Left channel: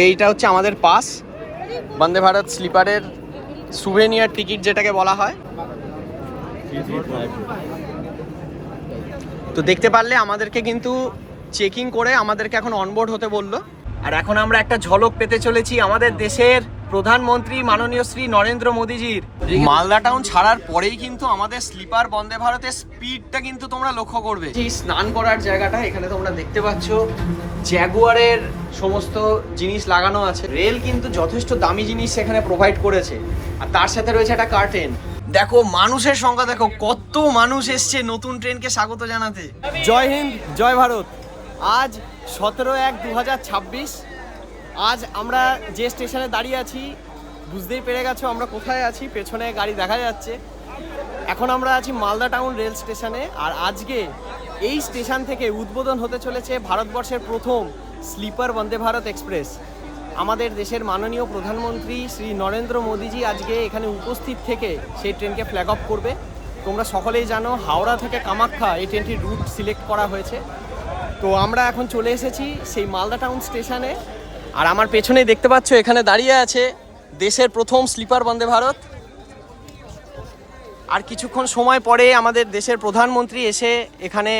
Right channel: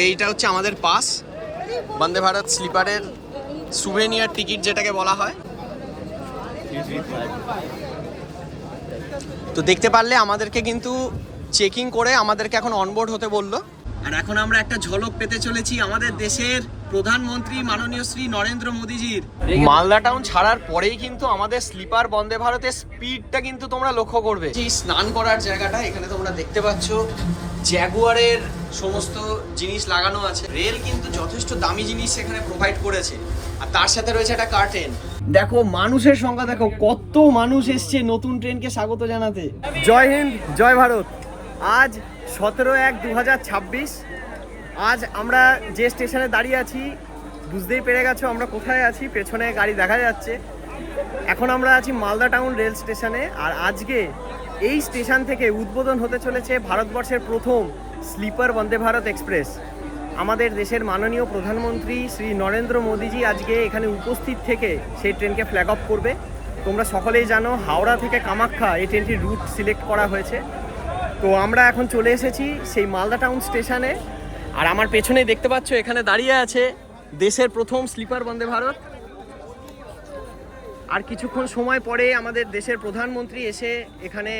এইটা হচ্ছে আমাদের pass, Vande Bharat স্লিপারের souvenir ticket যেটাকে বলা হয়। তো দেখতে পারলে আমাদেরকে কিন্তু চেকিং করে আমাদেরকে এখন অনবোর্ড হতে বললো। আর এখন আমরা একটা ঝলক পেতে চলেছি আমাদের দেশের প্রধানমন্ত্রী মাননীয় শ্রী নরেন্দ্র মোদীজির। মালদা টাউন ছাড়ার পরেই কিন্তু আমাদের স্লিপার বন্দে ভারতের স্পিডটা কিন্তু তোমরা লক্ষ্য করবে। এই স্নান করার জায়গাটা এখানে তোমরা দেখতে পাচ্ছ, জ্যাগুয়ারের সমস্ত জিনিস লাগানো আছে। রেল কিন্তু যথেষ্ট দামি জিনিস সেখানে প্রোভাইড করেছে, আর তার সাথে রয়েছে একটা কার্টেন। দেখো মানুষের সংখ্যা দেখো, কত মানুষ এসছে নতুন ট্রেনকে স্বাগত জানাতে। জয় হিন্দ, জয় ভারত। আজ 17/1/2026। আজ আমরা যে স্টেশনে দাঁড়িয়ে আছি বুঝতেই পেরে গেছো আমরা কোথায় আছি, পেছনে গাড়ি দেখা যাচ্ছে। এখন আমরা আছি মালদা টাউন রেল স্টেশনে। আর আজকে এই স্টেশন থেকে উদ্বোধন হতে চলেছে ভারতবর্ষের প্রথম স্লিপার বন্দে ভারত এক্সপ্রেস। আমাদের দেশের মাননীয় প্রধানমন্ত্রী শ্রী নরেন্দ্র মোদীজি আজকে এখানে উপস্থিত থেকে সেই ট্রেনকে ফ্ল্যাগ অফ করবে। তোমরা সকলেই জানো হাওড়া থেকে কামাখ্যা এই ট্রেনটির রুট সিলেক্ট করা হয়েছে। তো আমরা এখন চলে এসেছি সেই মালদা টাউন স্টেশনে। আর আমার পেছনেই দেখতে পাচ্ছ এখানে দাঁড়িয়ে আছে দেশের প্রথম স্লিপার বন্দে ভারত। আর কিছুক্ষণ সময় পরে আমাদের দেশের প্রধানমন্ত্রী এসে এখানে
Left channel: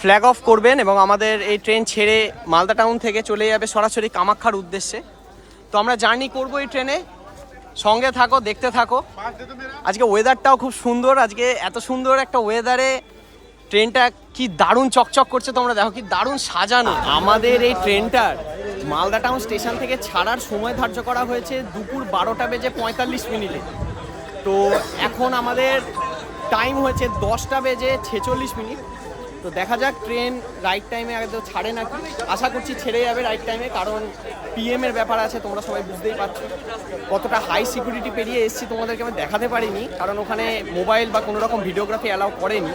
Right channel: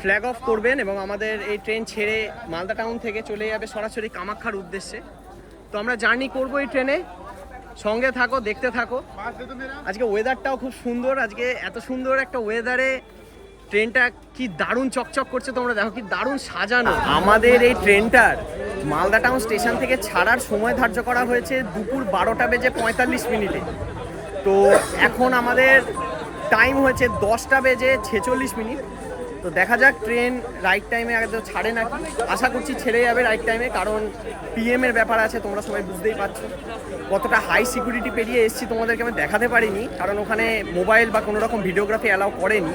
ফ্ল্যাগ অফ করবেন এবং আমাদের এই ট্রেন ছেড়ে মালদা টাউন থেকে চলে যাবে সরাসরি কামাখ্যার উদ্দেশ্যে। তো আমরা জার্নি করবো এই ট্রেনে, সঙ্গে থাকো, দেখতে থাকো। আজকে ওয়েদারটাও খুব সুন্দর, আজকে এত সুন্দর একটা ওয়েদারে ট্রেনটা কি দারুণ চকচক করছে, তোমরা দেখো কি দারুণ সাজানো। আমাদের এই ট্রেনটার মালদা টাউন স্টেশন থেকে ছাড়ার সময় ধার্য করা হয়েছে দুপুর 12:45। তো এখন আমাদের টাইম হয়েছে 10:46। তো দেখা যাক ট্রেন রাইট টাইমে আগে তো ছাড়ে নাকি। আশা করছি ছেড়ে যাবে রাইট টাইমে, কারণ পিএমের ব্যাপার আছে, তোমরা সবাই বুঝতেই পারছো। কতটা হাই সিকিউরিটি পেরিয়ে এসেছি তোমাদেরকে আমি দেখাতে পারিনি, কারণ ওখানে মোবাইল বা কোনো রকম ভিডিওগ্রাফি অ্যালাউ করেনি।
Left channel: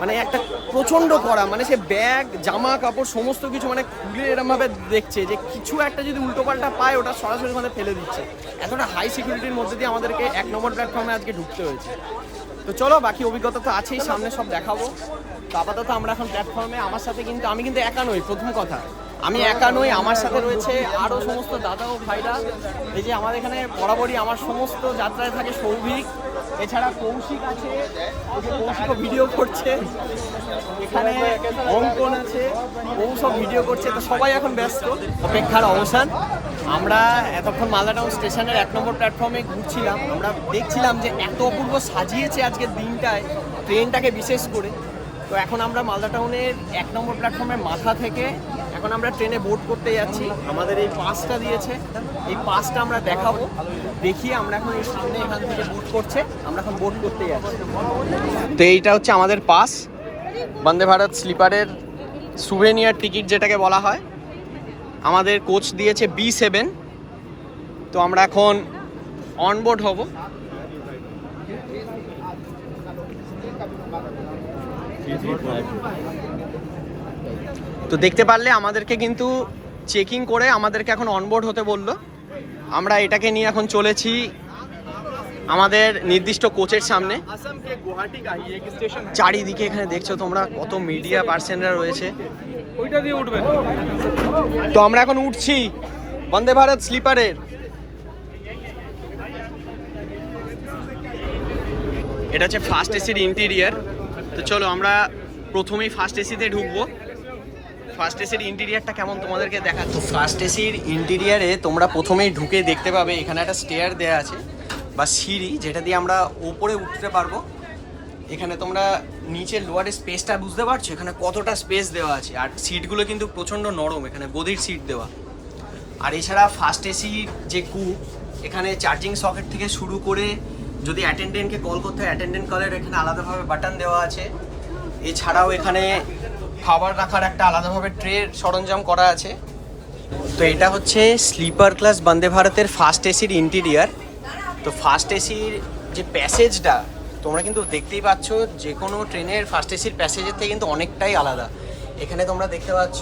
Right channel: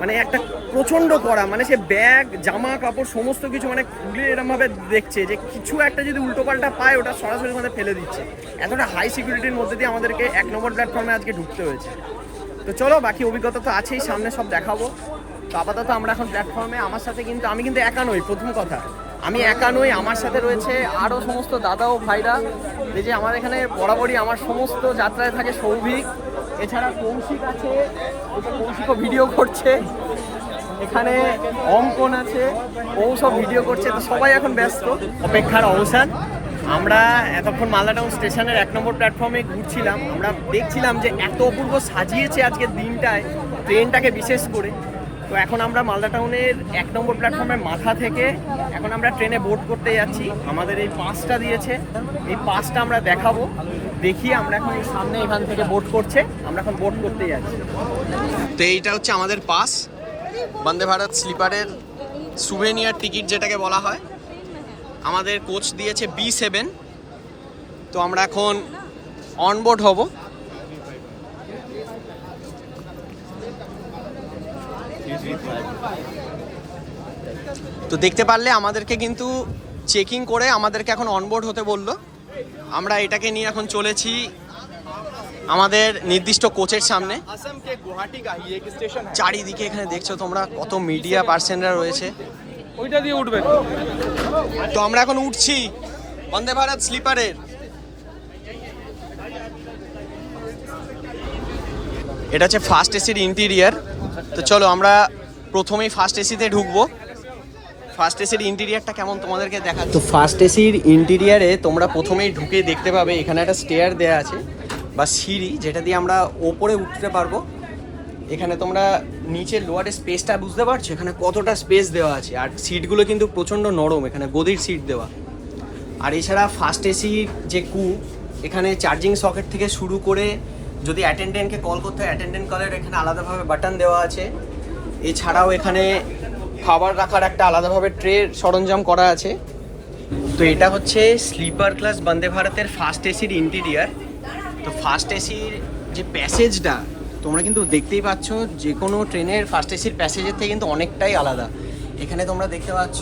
মানে একটা প্রচণ্ড করা, মানে সে ব্যাগ জামা কাপড় সমস্ত কিছু মানে খুলে এরমভাবে দেখছে যে কিছু একটা যদি উল্টোপাল্টা পায় ওটা সরাসরি ওখানে ফেলে দিচ্ছে। এতটা হাই সিকিউরিটির মধ্যে দিয়ে আমাদেরকে 1 নম্বর প্ল্যাটফর্মে আজকে ঢুকতে হয়েছে। তো চলো, বাকি অভিজ্ঞতা তো আছেই, সামনে সব দেখাবো। তো আপাতত আমরা এখন প্ল্যাটফর্মে। আমার সাথে কিন্তু আমি কিন্তু একা নই, প্রথম কথা আমি একা নই, আমার সাথে রয়েছে আরও সমস্ত দাদা ও ভাইরা। এই যে আমাদের এখানে বরাবরই আমার সমস্ত যাত্রায় থাকে সৌভিক, এছাড়া কৌশিক আছে, এই যে কৌশিকও ভিডিও করছে, এখানে অঙ্কন আছে, ও সব ভিডিও করছে। তো সবাই এখন ব্যস্ত, অপেক্ষার অবসান। আমরা এতক্ষণ মালদা টাউন স্টেশনের 1 নম্বর প্ল্যাটফর্মে ঘুরছিলাম, আমরা দেখছিলাম যে এত অপূর্ব সাজিয়েছে আজকের দিনটায় ট্রেনটাকে বিশেষ করে। তো এখন আমরা মালদা টাউনের 1 নম্বর প্ল্যাটফর্মের মাথা থেকে এখন আমরা ট্রেনে বোর্ড করতে যাচ্ছি। আমাদের এই পাসটা দিয়েছে, এই পাসটা আমরা দেখাবো। দেখি আমরা এখন এই সামনে এখান থেকে বোর্ড করছে, আমরা এখন বোর্ড করতে যাচ্ছি। তো এইটা হচ্ছে আমাদের pass, Vande Bharat স্লিপারের souvenir ticket যেটাকে বলা হয়। আমাদের কোচ দিয়েছে B7। তো আমরা এখন অনবোর্ড হব। তো দেখতে পারলে আমাদেরকে কিন্তু চেকিং করে আমাদেরকে এখন অনবোর্ড হতে বললো। আমরা এটাকে নিয়ে এখন চলেছি আমাদের নির্দিষ্ট কোচের সামনে। চারিদিকে এখানে দেখছো তোমরা কত মিডিয়া পার্সনরা রয়েছে। তো আমরা এখন উঠছি বন্দে ভারত স্লিপারের। এটা হচ্ছে ফার্স্ট এসির ইন্টেরিয়ার। তো চলো আমরা প্রথমেই ফার্স্ট এসিতে ঢুকবো। ফার্স্ট এসির ইন্টেরিয়ারটা কেমন তোমাদেরকে দেখা। তো ফার্স্ট এসির ইন্টেরিয়ারে তোমরা প্রথমেই ঢুকে দেখতে পাবে এখানে একটা স্টেয়ার দেওয়া আছে বা সিঁড়ি, যেটা দিয়ে আমরা ওপরে উঠতে পারবো। এখানে তোমরা নিচে লোয়ারের স্পেসটা বুঝতে পারছো, এখানে কতটা স্পেস দেওয়া আছে। আর সিটগুলো কিন্তু প্রচণ্ড নরম, এখানে গদির সিট দেওয়া। আর এছাড়া ফার্স্ট এসির যে এখানে চার্জিং সকেট থেকে শুরু করে যদি অ্যাটেন্ডেন্টকে কল করতে হয় অ্যাটেন্ডেন্ট কলের এখানে আলাদাভাবে বাটন দেওয়া আছে। এছাড়াও এখানে খাবার রাখার একটা আলাদাভাবে ট্রে সরঞ্জাম করা আছে। তো এটা হচ্ছে স্লিপার ক্লাস বন্দে ভারতের ফার্স্ট এসির ইন্টেরিয়ার। তো ফার্স্ট এসির যে প্যাসেজটা তোমরা কিন্তু দেখতেই পাচ্ছ, যে কোনো ট্রেনের ফার্স্ট এসির প্যাসেজের থেকে কিন্তু অনেকটাই আলাদা। এখানে তোমরা দেখতে পাচ্ছ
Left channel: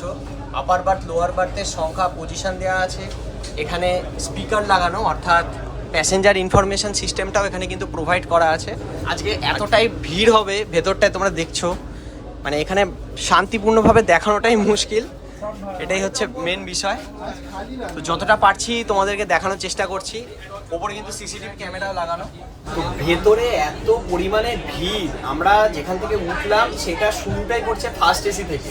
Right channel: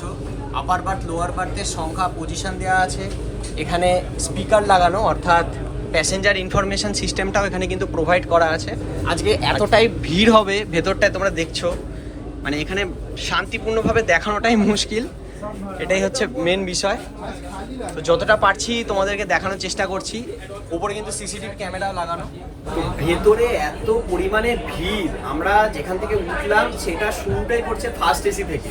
আপার বার্থ লোয়ার বার্থের সংখ্যা পজিশন দেওয়া আছে। এখানে স্পিকার লাগানো, অর্থাৎ প্যাসেঞ্জার ইনফরমেশন সিস্টেমটাও এখানে কিন্তু প্রোভাইড করা আছে। আজকে এতটাই ভিড় হবে ভেতরটায় তোমরা দেখছো, মানে এখানে শান্তিপূর্ণভাবে দেখানোটাই মুশকিল। এটাই হচ্ছে মেন বিষয়। তো যতটা পারছি তোমাদেরকে দেখানোর চেষ্টা করছি। ওপরে কিন্তু সিসিটিভি ক্যামেরাও লাগানো। তো ভেতরে এত পরিমাণে ভিড়, আমরা যেখান থেকে উঠলাম সেটা শুরুটাই করছে ফার্স্ট এসি থেকে।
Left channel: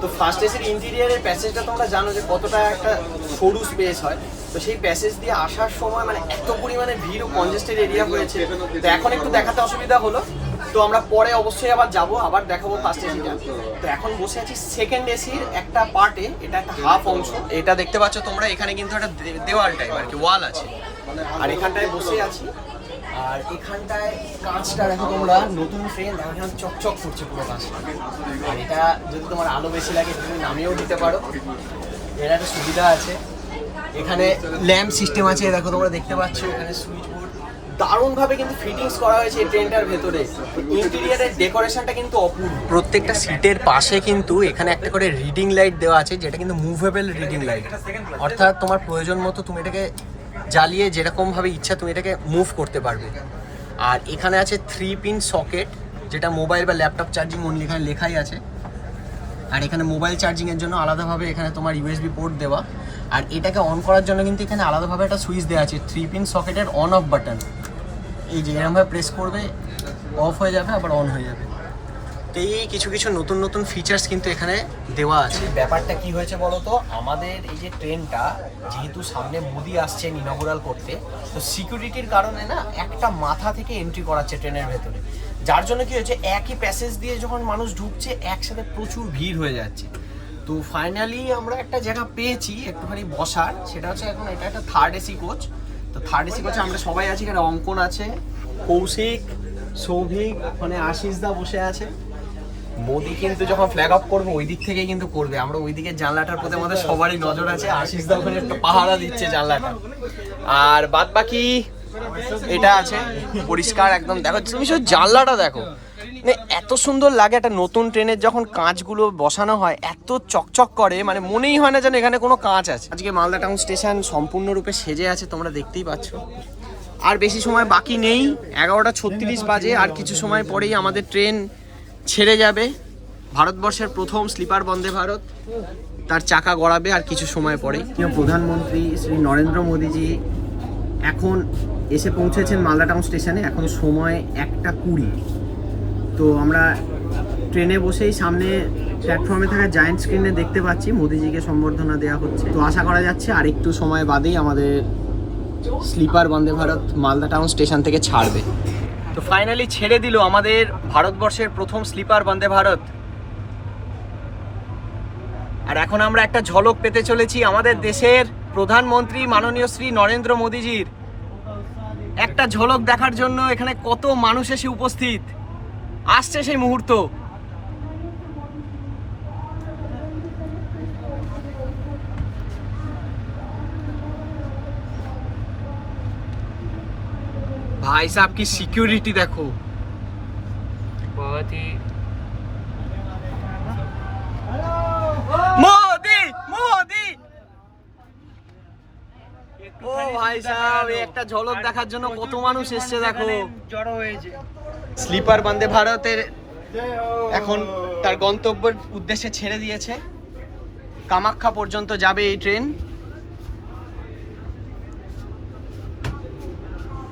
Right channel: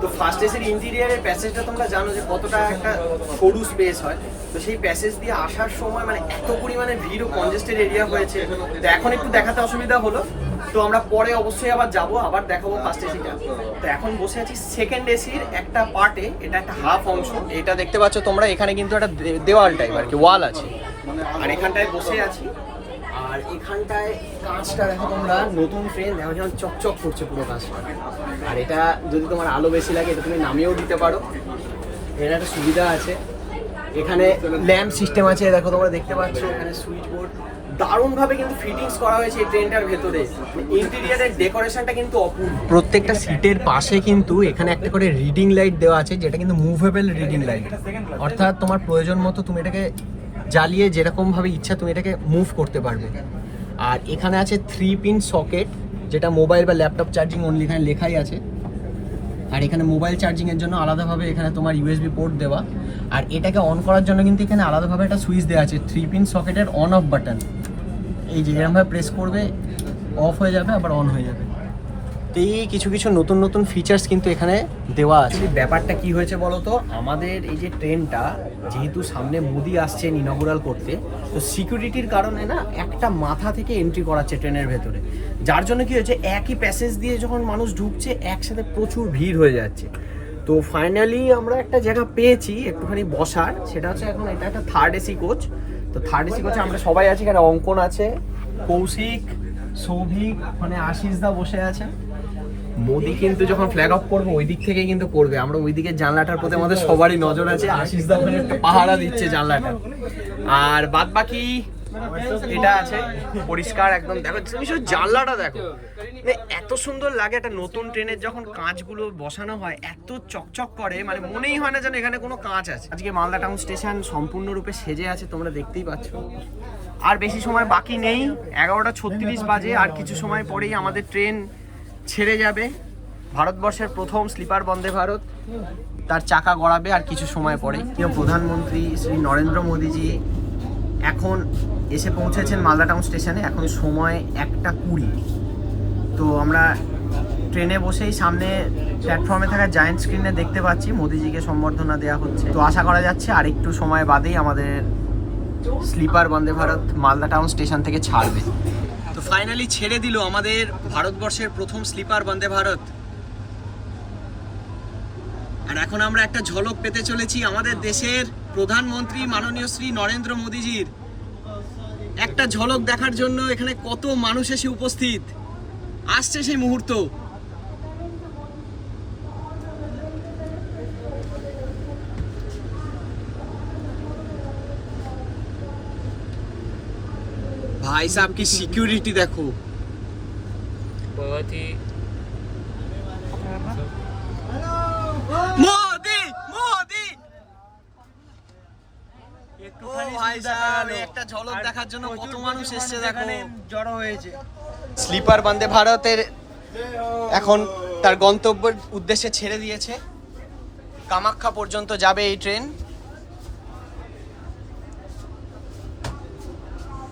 তো ফার্স্ট এসির ইন্টেরিয়ারের প্যাসেজটা তোমরা জানো যে কতটা একটা সরু স্পেস হয়। তো সেই প্যাসেজ দিয়ে আসার সময় মানে এত পরিমাণে ভিড় ও কনজেস্টেড এরিয়া হয়েছে। তো এখন একটু দেখাতে অসুবিধা হলো, তো আমরা পরে অবশ্যই আবার যাব, আবার দেখাবো ফার্স্ট এসিটা। তো এখন বসে আছি সেকেন্ড এসির একটা পার্টে, এটা একটা হাফ অংশ। এটা দেখতে পাচ্ছ তোমরা, এখানে কিন্তু একটা দেওয়াল টাইপ আর কি, ওয়াল আছে। আর এখানটায় বসে আছি, আর এখানটায় কাঁচটা দেখো তোমরা, নতুন ট্রেন দেখো যেমন চকচক করছে পুরো কাঁচটা। আর এটা যদি তোমার আলো বেশি লাগে এটা তুমি নামিয়েও দিতে পারো, এর একটা সুবিধা আছে। এখানে ল্যাম্প সিস্টেম আছে, দেখো তোমরা দেখতে পাচ্ছ, এখানে সুইচ বোর্ড দারুণভাবে কিন্তু ফিটিংস করা হয়েছে এই ট্রেনটার ভেতরে। ইন্টেরিয়ারের ডেকোরেশনটা কিন্তু অপূর্ব। প্রত্যেকটা সিটের পাশে কিন্তু এখানে একটা করে রিডিং লাইট দেওয়া আছে, যেটা কিন্তু মুভেবল রিডিং লাইট, অর্থাৎ তোমার প্রয়োজন মতো তুমি এটাকে জ্বালিয়ে যেরকমভাবে ইচ্ছা তুমি এটাকে মুভ করতে পারবে। আর এখানে আছে 3 পিন সকেট, যেটা মোবাইল বা ল্যাপটপ চার্জিং অনলি, এখানে লেখাই আছে। আর এখানে মোবাইল চার্জিংয়ের জন্য আলাদাভাবে এখানে তোমার ইউএসবি পোর্ট দেওয়া। আর এটাকে অন করার জন্য কিন্তু এখানে আলাদাভাবে একটা সুইচ দেওয়া আছে, 3 পিন সকেটের অন অফ বাটন। এই যে এরকমভাবে প্রেস করবে, অফ হয়ে যাবে, আবার অন হয়ে যাবে। তো এই কিছু কিছু নতুন নতুন ফিচার্স কিন্তু এখানে দেওয়া আছে। ব্যাপারটা কি হয়েছে বলো তো, আমাদের এই যে ট্রেনটা যেহেতু সামনে মোদি আসছেন ইনগুরাল করতে, তো সিকিউরিটির কারণে না একটা মাথা থেকে এন্ট্রি করাচ্ছে ট্রেনের ভেতরে, যার জন্য কি হচ্ছে একই প্যাসেজ দিয়ে যখন মানুষ ঢুকছে একসাথে প্রচুর ভিড় হয়ে যাচ্ছে। তো ফাইনালি আমরা একটা জায়গা পেয়েছি একটুখানি বসার, সেটা হচ্ছে এখন এটা একটা থার্ড এসি কোচ। তো থার্ড এসি কোচে আমরা সবাই আছি, এখানে অঙ্কন আছে, কৌশিক, সৌভিক, মানে আশিস দা বসে আছে। মোদি কিন্তু যখন ফ্ল্যাগ অফ করবে ওই দিক থেকেই কিন্তু করবে, আমরা ওই দিকে জানলাটার প্রতি আমাদের সবারই নজর আছে। আশিস দা ওখানে একটু পাহারা দিচ্ছে জানলাটা। আর বাদ বাকি এটা আছে পরিষ্কার একদম। দেখো তুমি শুধু জানলাটা দেখো, মানে এত সুন্দর লাগে। একটা নতুন ট্রেনের যখন কাঁচগুলো বসানো হয় এত চকচক করে, মানে মনেই হয় না যেন এখানে কোনো কাঁচ আছে। আজকে মালদা টাউন স্টেশন সম্পূর্ণরূপে সেজে আছে, তোমরা দেখতেই পাচ্ছ। আর বেশি সময় বাকি নেই, 11:36 বাজে। আর কিছু সময় পরেই আমাদের ট্রেন ছেড়ে যাবে। ভারতবর্ষের প্রথম স্লিপার বন্দে ভারত তার চাকা গড়াবে আর কিছু সময় পরেই। প্রধানমন্ত্রী শ্রী নরেন্দ্র মোদীজি এখন এসে পৌঁছেছেন মালদা টাউন স্টেশনে। এখন সময় 1:20। তো আমরা ট্রেনে বসেই সামনে প্ল্যাটফর্মে থাকা জায়েন্ট স্ক্রিনে দেখতে পাচ্ছি মোদিজিকে সম্বর্ধনা দেওয়া হচ্ছে। তো আশা করা যাচ্ছে আর একটু সময় বাদেই আমাদের sleeper Vande Bharat Malda town station থেকে ছাড়বে। তো ফাইনালি ছেড়ে দিল আমাদের ভারতবর্ষের প্রথম স্লিপার বন্দে ভারত। আর এখন আমরা একটা ঝলক পেতে চলেছি আমাদের দেশের প্রধানমন্ত্রী মাননীয় শ্রী নরেন্দ্র মোদীজির। একটা ঝলক দেখার জন্য এখানে কত মানুষ এসে উপস্থিত, আসছে সেই মুহূর্ত। भाई साहब की सिक्योरिटी देखो, बहुत ही। मोदी मोदी ও ভাই সাহেব, একটা ঝলক দেখার জন্য কত মানুষ এসেছে দেখো, জড়ো হয়েছে। স্লিপার বন্দে ভারতের এখন তার গন্তব্যের উদ্দেশ্যে ছেড়ে দিয়েছে। কামাখ্যা পর্যন্ত যাবে এই ট্রেন।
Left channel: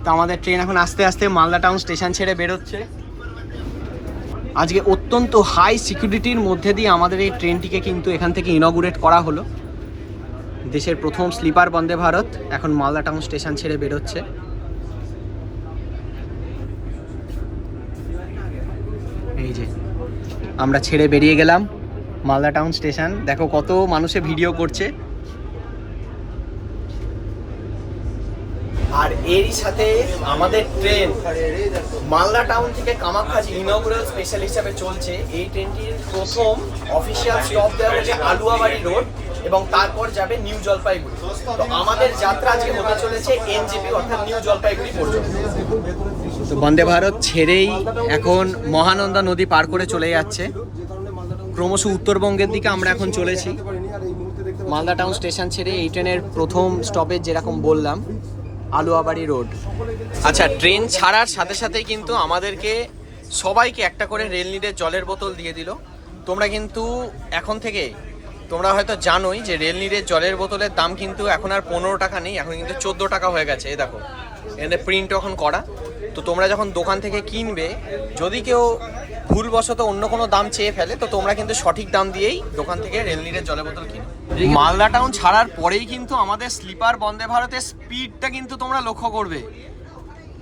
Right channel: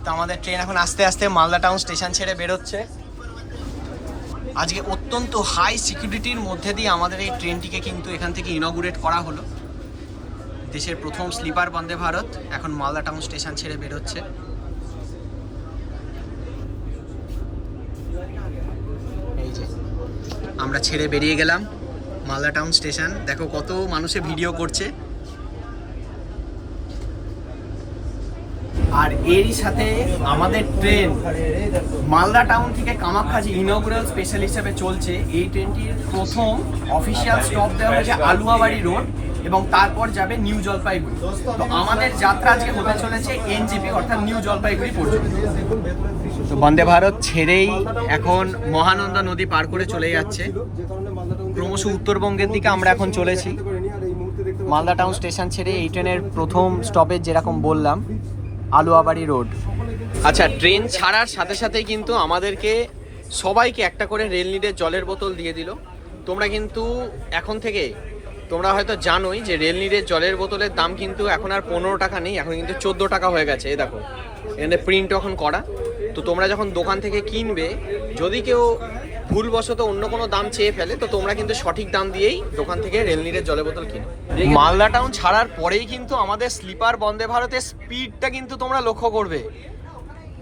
তো আমাদের ট্রেন এখন আস্তে আস্তে মালদা টাউন স্টেশন ছেড়ে বেরোচ্ছে। আজকে অত্যন্ত হাই সিকিউরিটির মধ্যে দিয়ে আমাদের এই ট্রেনটিকে কিন্তু এখান থেকে ইনগুরেট করা হলো। দেশের প্রথম স্লিপার বন্দে ভারত এখন মালদা টাউন স্টেশন ছেড়ে বেরোচ্ছে। এই যে আমরা ছেড়ে বেরিয়ে গেলাম মালদা টাউন স্টেশন। দেখো কত মানুষে ভিডিও করছে। আর এরই সাথে আমাদের ট্রেন মালদা টাউন থেকে কামাখ্যা যে ইনগুরাল স্পেশাল হিসাবে চলছে, এই ট্রেনটির প্রথম অফিসিয়াল স্টপ দেওয়া হয়েছে আলুয়াবাড়ি রোড এবং তারপর যাবে নিউ জলপাইগুড়ি। তো আমাদের যাত্রা আজকে হতে চলেছে এনজেপি অর্থাৎ নিউ জলপাইগুড়ি পর্যন্ত। তো বন্দে ভারত ছেড়েই এখন মহানন্দা নদী পার করে চলে যাচ্ছে ক্রমশ উত্তরবঙ্গের দিকে। আমরা এখন চলেছি মালদা টাউন স্টেশন ছেড়ে। এই ট্রেনের প্রথম স্টপেজ যেরকম বললাম আলুয়াবাড়ি রোড। আচ্ছা, ট্রেন ছাড়ার সাথে সাথেই কিন্তু আমাদেরকে সবাইকে একটা করে রেল নিডের জলের বোতল দিয়ে দিল। তোমরা কিন্তু এখন থেকে তোমরা হয়তো জানোই যে রেলনিরের জলের বোতলের দাম কিন্তু এখন আর 15 টাকা নেই, এখন কিন্তু 14 টাকা হয়ে গেছে। এই দেখো এখানে প্রিন্ট এখন করা। তো তোমরা যখন দোকান থেকে কিনবে, যদি কেউ ভুলবশত অন্য কোনো দাম চেয়ে ফেলে, তো তোমরা কিন্তু সঠিক দাম দিয়েই দোকান থেকে রেলনিরের জলের বোতল কিনো। মালদা টাউন ছাড়ার পরেই কিন্তু আমাদের স্লিপার বন্দে ভারতের স্পিডটা কিন্তু তোমরা লক্ষ্য করবে।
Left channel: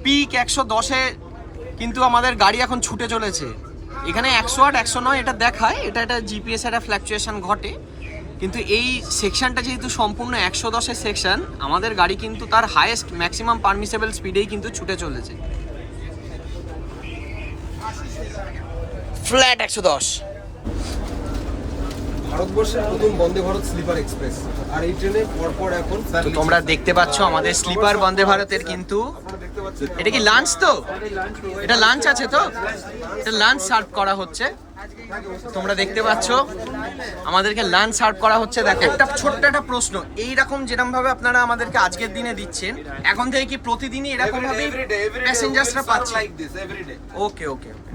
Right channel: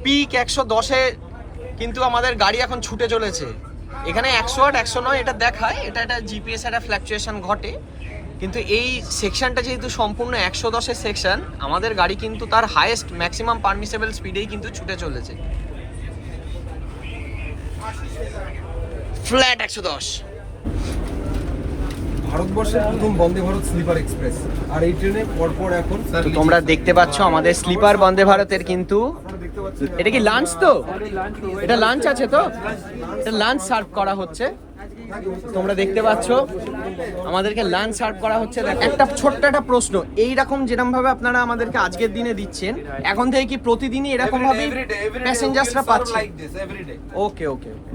পিক 110-এ কিন্তু আমাদের গাড়ি এখন ছুটে চলেছে। এখানে 108, 109 এটা দেখায়, এটা জিপিএস একটা ফ্ল্যাকচুয়েশন ঘটে, কিন্তু এই সেকশনটা যেহেতু সম্পূর্ণ 110-এর সেকশন, আমাদের গাড়ি কিন্তু তার হাইয়েস্ট ম্যাক্সিমাম পারমিসেবল স্পিডেই কিন্তু ছুটে চলেছে। ফ্ল্যাট 110। ভারতবর্ষের প্রথম বন্দে ভারত স্লিপার এক্সপ্রেস, আর এই ট্রেনের পরপর এখন তো তোমরা দেখতে পাচ্ছ আমাদের স্লিপার বন্দে ভারতের কিন্তু এটা কি লাঞ্চ? তো এটা লাঞ্চ আছে, তো এটা লাঞ্চ সার্ভ করা হচ্ছে। তোমরা দেখতে পাচ্ছ আমাদেরকে লাঞ্চ সার্ভ করা হচ্ছে। দেখো একটা ছোট্ট একটা প্রশ্ন, এইরকম যেরকম ভাবে আপনারা আমাদেরকে আজকের দিনে দিচ্ছেন, এখন থেকে কি প্রতিদিনই এরকম ভাবেই প্যাসেঞ্জার্সরা পাচ্ছে? ওকে ওকে ওকে।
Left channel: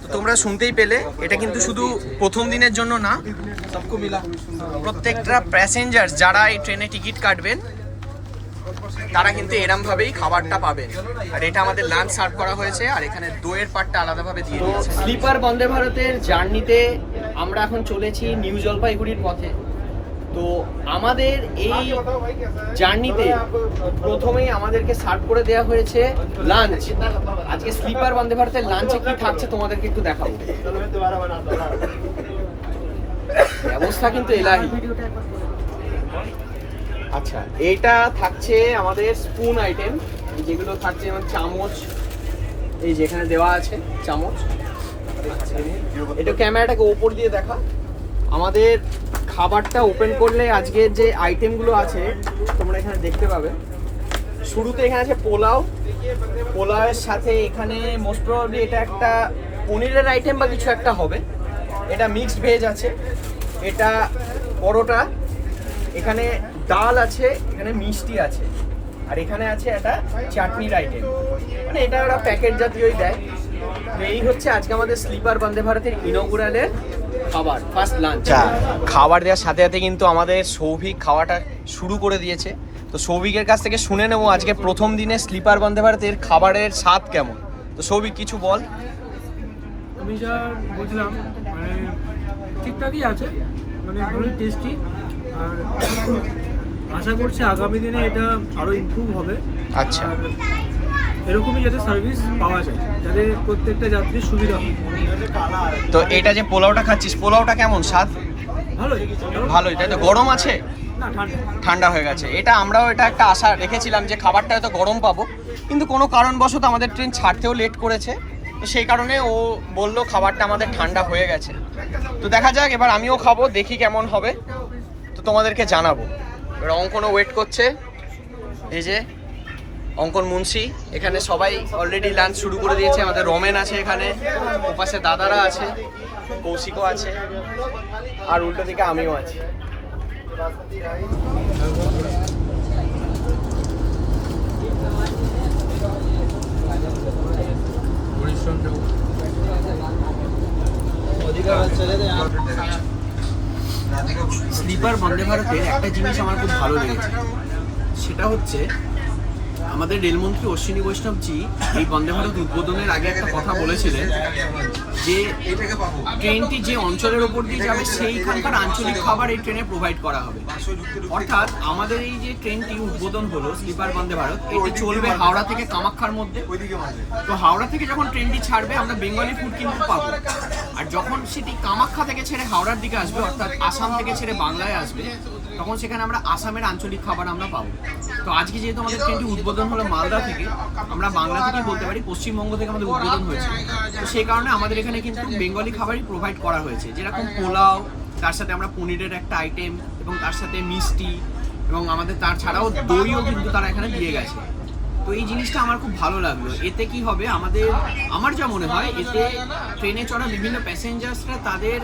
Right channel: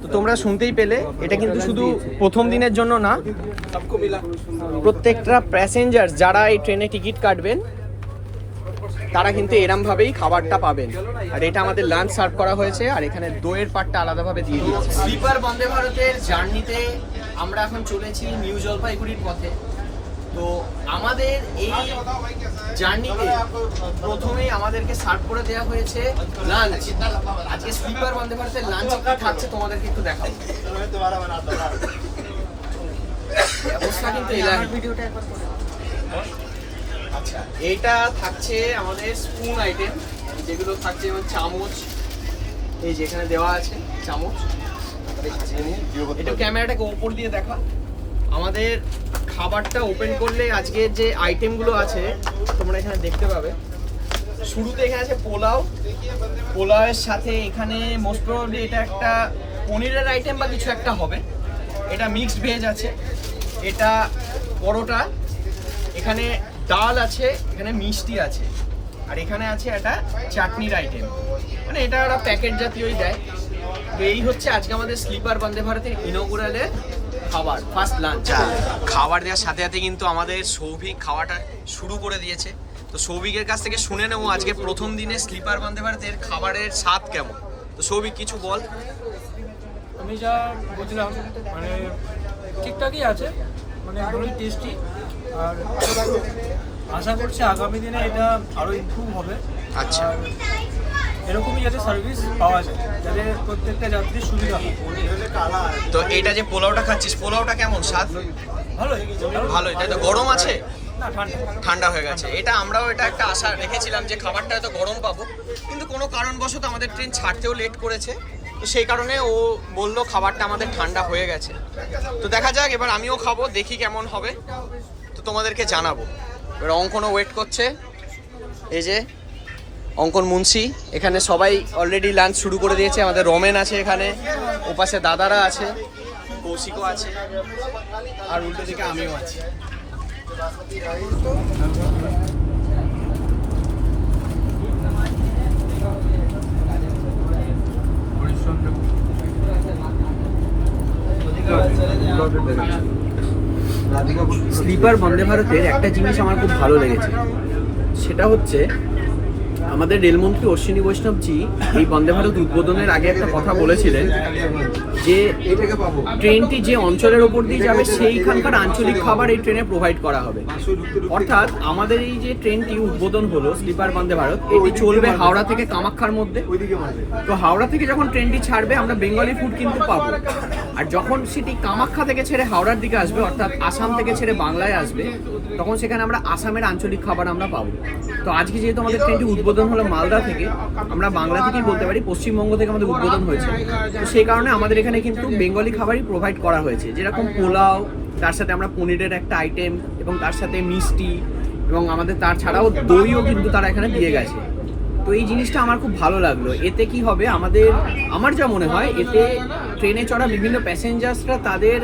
তো তোমরা শুনতেই পেলে, এটা কিন্তু শুধু প্রথম দিনের জন্য না, প্রত্যেকটা প্যাসেঞ্জার যারা এই ট্রেনে টিকিট কাটবেন তারা কিন্তু এরমভাবেই খাবারটা পাবেন। আর এটা আমাদের লাঞ্চ সার্ভ করা হয়েছে, আর এখানে দইয়ের পাটটা আলাদাভাবে দিয়ে দিয়েছে। স্লিপার বন্দে ভারতের জার্নিতে আমরা এখন চলেছি নিউ জলপাইগুড়ির পথে। তো আমাদের এই জার্নিতে প্রথমেই আমাদেরকে সার্ভ করে দেওয়া হয়েছে লাঞ্চ। আজকে স্লিপার বন্দে ভারতের লাঞ্চে কি থাকছে তোমাদেরকে একটু দেখাবো। ব্যবস্থা কিন্তু এলাহি। আচ্ছা, এটা থাকছে আমাদের স্পুন আইটেম, যেগুলো থাকছে যেমন চামচ, এই যে এখানে দেওয়া আছে চামচ। এটা ক্যামেরাটাকে ওপর দিয়ে দেখা। আমাদের খাবারটা ওপেন করলে আজকের যে আইটেমগুলো আছে তোমরা এখানে দেখতে পাবে। শুরুতে এখানে আছে পোলাও, পোলাওয়ের সাথে এখানে মোস্ট প্রবাবলি এটা একটা পনিরের আইটেম বা কিছু একটা হবে। এটা মিক্সড ভেজ আছে, এটা পরোটা, এখানে ডাল আছে, এখানে মিষ্টি আছে, আর এখানে আছে একটা চাটনির আইটেম। মানে এটা ওরা প্যাকেট জাতীয়ই দেয়। তো এই হচ্ছে আজকে আমাদের স্লিপার বন্দে ভারতের ইনগুরালের খাবার, ফার্স্ট লাঞ্চ। খাবার দেওয়ার সাথে সাথে কিন্তু আমাদের সৌভিক খাওয়াটা শুরু করে দিয়েছে। তো সৌভিকের কাছ থেকে শুনে নেবো আজকে প্রথম দিনে স্লিপার বন্দে ভারতের খাবারের স্বাদ কেমন। তো সৌভিক কিছু বল। আমি যা বুঝলাম মানে ঠিকঠাকই আছে, মানে একদমই টেস্টি। আর আশা করছি আগামী দিনে এটা আরও ইমপ্রুভ হবে। আচ্ছা, এরকমই যাতে সার্ভিস পাওয়া যায়, যাতে প্রত্যেকটা যাত্রীর সুবিধা হয়। তো এটা যে পোলাওটা খাচ্ছিস, পোলাওটা কেমন স্বাদ? ভালোই ভালোই, তাই তো? গরম আছে? না, ঠান্ডা ঠান্ডা হয়ে গেছে। এটা আমরাও এটা একটা আশা রেখেছিলাম যে খাবারটা হয়তো গরম পাবো, কিন্তু কোনো কারণবশত আমাদের ট্রেন ছাড়তেও লেট করেছে, তো সেই কারণে ও বললো খাবারটা আমাদের ঠান্ডা হয়ে গেছে। তো দেখা যাক, এবার আমিও খাবো, দেখি কেমন হবে, তো তোমাদেরকে জানাবো। এবার অঙ্কনও ওয়েট করছে, এই যে অঙ্কন মুন্সি। এখানে সবাই অলরেডি লাঞ্চ শুরু করে দিয়েছে। আমাদের রোমেন আছে এখানে, ওপাশে দাদারা আছে, কৌশিকও আছে, আর উল্টো দিকে আমিও আছি। স্লিপার বন্দে ভারতের একটা জিনিস আমার খুব ভালো লেগেছে, সেটা হচ্ছে আমাদের রেলমন্ত্রী অশ্বিনী বৈষ্ণবজি এই বন্দে ভারত উদ্বোধনের আগে একটা কথা বলেছিলেন যে ট্রেনটি যে অঞ্চলের ওপর দিয়ে যাবে সেইখানকার আঞ্চলিক খাবার এই ট্রেনে প্রোভাইড করা হবে। অর্থাৎ আমাদের এই যে ট্রেনটি উদ্বোধন হলো স্লিপার বন্দে ভারত, এটি চলবে হাওড়া থেকে কামাখ্যার মধ্যে। তো হাওড়া থেকে যখন ট্রেনটি ছাড়বে আমরা বেঙ্গলি ফুড কিন্তু পাবো, আর যখন সেটি কামাখ্যা থেকে ছেড়ে হাওড়ার দিকে আসবে, অর্থাৎ আসাম থেকে ছেড়ে বাংলায় আসবে, তখন সেখানে আমরা আসামের আঞ্চলিক খাবার আমরা পাবো। তো আজকে যেহেতু আমাদের ট্রেনটি উদ্বোধন হলো মালদা থেকে, আমরা বাংলা থেকেই বলতে পারি, পশ্চিমবঙ্গ থেকে আমাদের উদ্বোধন হয়েছে, তো সেই কারণে আমাদের এখানে কিন্তু বেঙ্গলি খাবারই প্রোভাইড করা হয়েছে, যেরকম পোলাও, তার সাথে আমরা পনিরের একটা আইটেম, এবং তার সাথে মিষ্টি, এবং আমাদের তার ছাড়াও দইও কিন্তু তারা এখানে দিয়ে গেছে। তো এই জিনিসটা আমার খুব ভালো লাগলো। এতে কি হবে, আমার যা মনে হয়, এতে ট্রেনে চড়া বিভিন্ন প্যাসেঞ্জার্সরা তাদের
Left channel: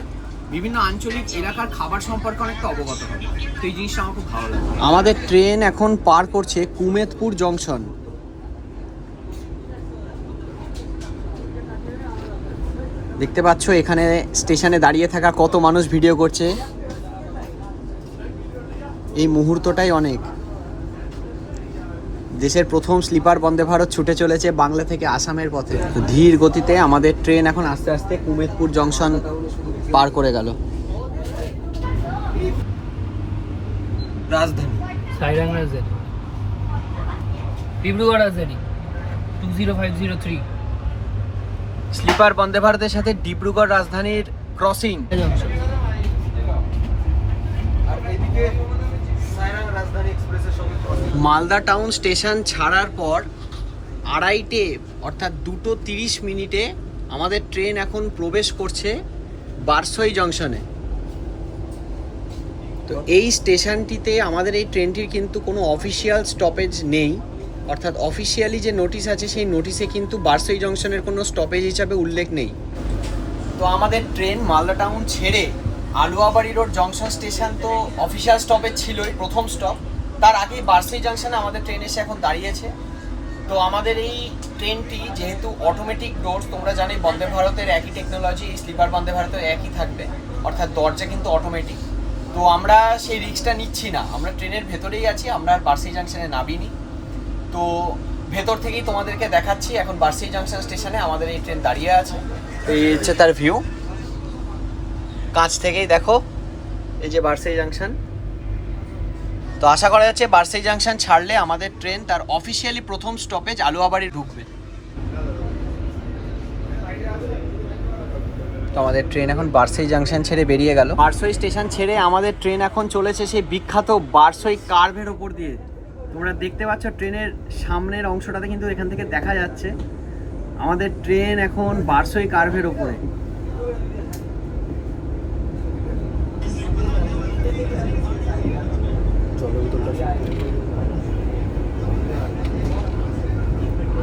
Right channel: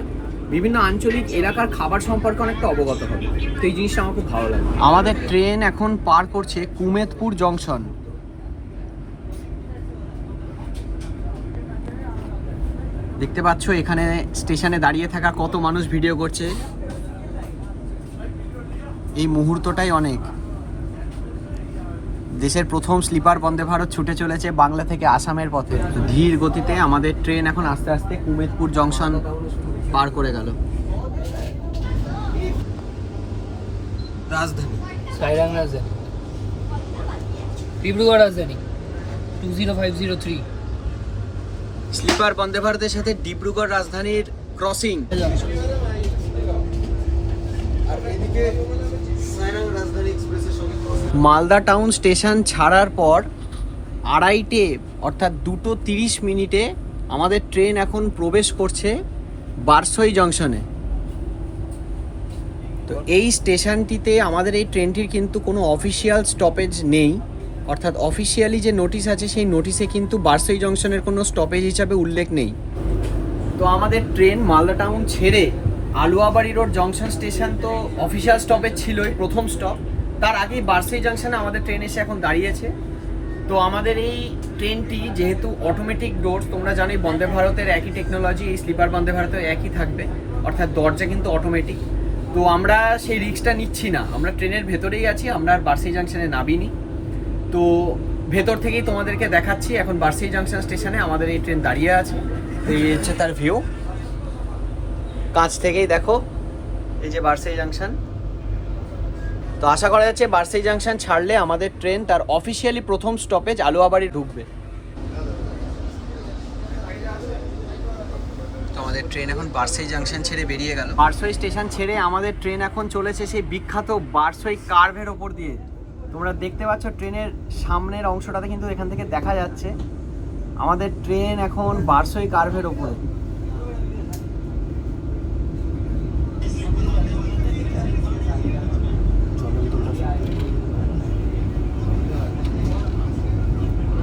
বিভিন্ন আঞ্চলিক এলাকার খাবার সম্পর্কে অনেকটা অবগত হবে। তো এই জিনিসটা আমার খুব ভালো লাগে। আমাদের ট্রেন এখন পার করছে কুমেদপুর জংশন। দেখতে পাচ্ছ এখানে স্টেশনে দাঁড়িয়ে থাকা কত মানুষ ভিডিও করছে। এই মুহূর্তটাই অনেক। দেশের প্রথম স্লিপার বন্দে ভারত ছুটে চলেছে বাংলা থেকে আসামের পথে। তো ধীর গতিতে আমাদের ট্রেন এখন আস্তে আস্তে কুমেদপুর জংশন পার করে গেল। রাজধানী সাইরাং রাজধানী, ডিব্রুগড় রাজধানী 20503 স্লিপার বন্দে ভারতের সাথে ডিব্রুগড় রাজধানীর ক্রসিং। মালদা টাউন স্টেশন ছাড়ার পর 2:30 অর্থাৎ 2:30 আমাদের ট্রেন এখন প্রবেশ করছে বারসই জংশনে। তো এই স্টেশনটিতে আমাদের এই ট্রেনটির কিন্তু কোনো অফিসিয়াল স্টপেজ নেই, অর্থাৎ অফিসিয়ালি যে নোটিশ আছে সেই নোটিশে কিন্তু বারসই জংশনের কোনো স্টপেজ হিসাবে উল্লেখ নেই। তো আমাদের ট্রেন মালদা টাউন ছেড়ে আলুয়াবাড়ি রোড জংশন স্টেশন তো অফিসিয়াল স্টপেজ ছিলই, প্রথম স্টপ। তার আগেই বারসই জংশনে আমাদের ট্রেন এসে এখন দাঁড়িয়েছে। তো আমাদের এই ট্রেনটি যেহেতু অটোমেটিক ডোরস, তোমরা জানোই বন্দে ভারতের একই টেকনোলজি এই স্লিপার বন্দে ভারতের একই থাকবে, অর্থাৎ দরজা কিন্তু অটোমেটিক। তো আমরা সেই রিস্কটা নিচ্ছি না, আমরা ট্রেনের ভেতরেই আছি, আমরা আর বারসই জংশনে নামিনি। তো ভেতর থেকেই তোমাদেরকে দেখাচ্ছি এখন বারসই জংশন স্টেশনে আমাদের এই ট্রেন দাঁড়িয়ে আছে। এই হচ্ছে তার ভিউ, কাছ থেকেই দেখো এই যে বারসই জংশন। তো আশা করা যাচ্ছে বারসই জংশন ছাড়লে আমাদের ট্রেন তার অফিসিয়ালি প্রথম স্টপেজ আলুয়াবাড়ি ঢুকবে। তো আমাদের ট্রেন এখন বারসই জংশন ছেড়ে বেরিয়ে গেল। বারসই স্টেশন ছেড়ে আমাদের ট্রেন এখন চলেছে সেই বিখ্যাত বারসই কার্ভের ওপর দিয়ে। তোমরা দেখতে পাচ্ছ ট্রেনের সামনের অংশটাতে কিন্তু এখান থেকে দেখা যাচ্ছে আমাদের ট্রেন এখন বারসই কার্ভের ওপরে।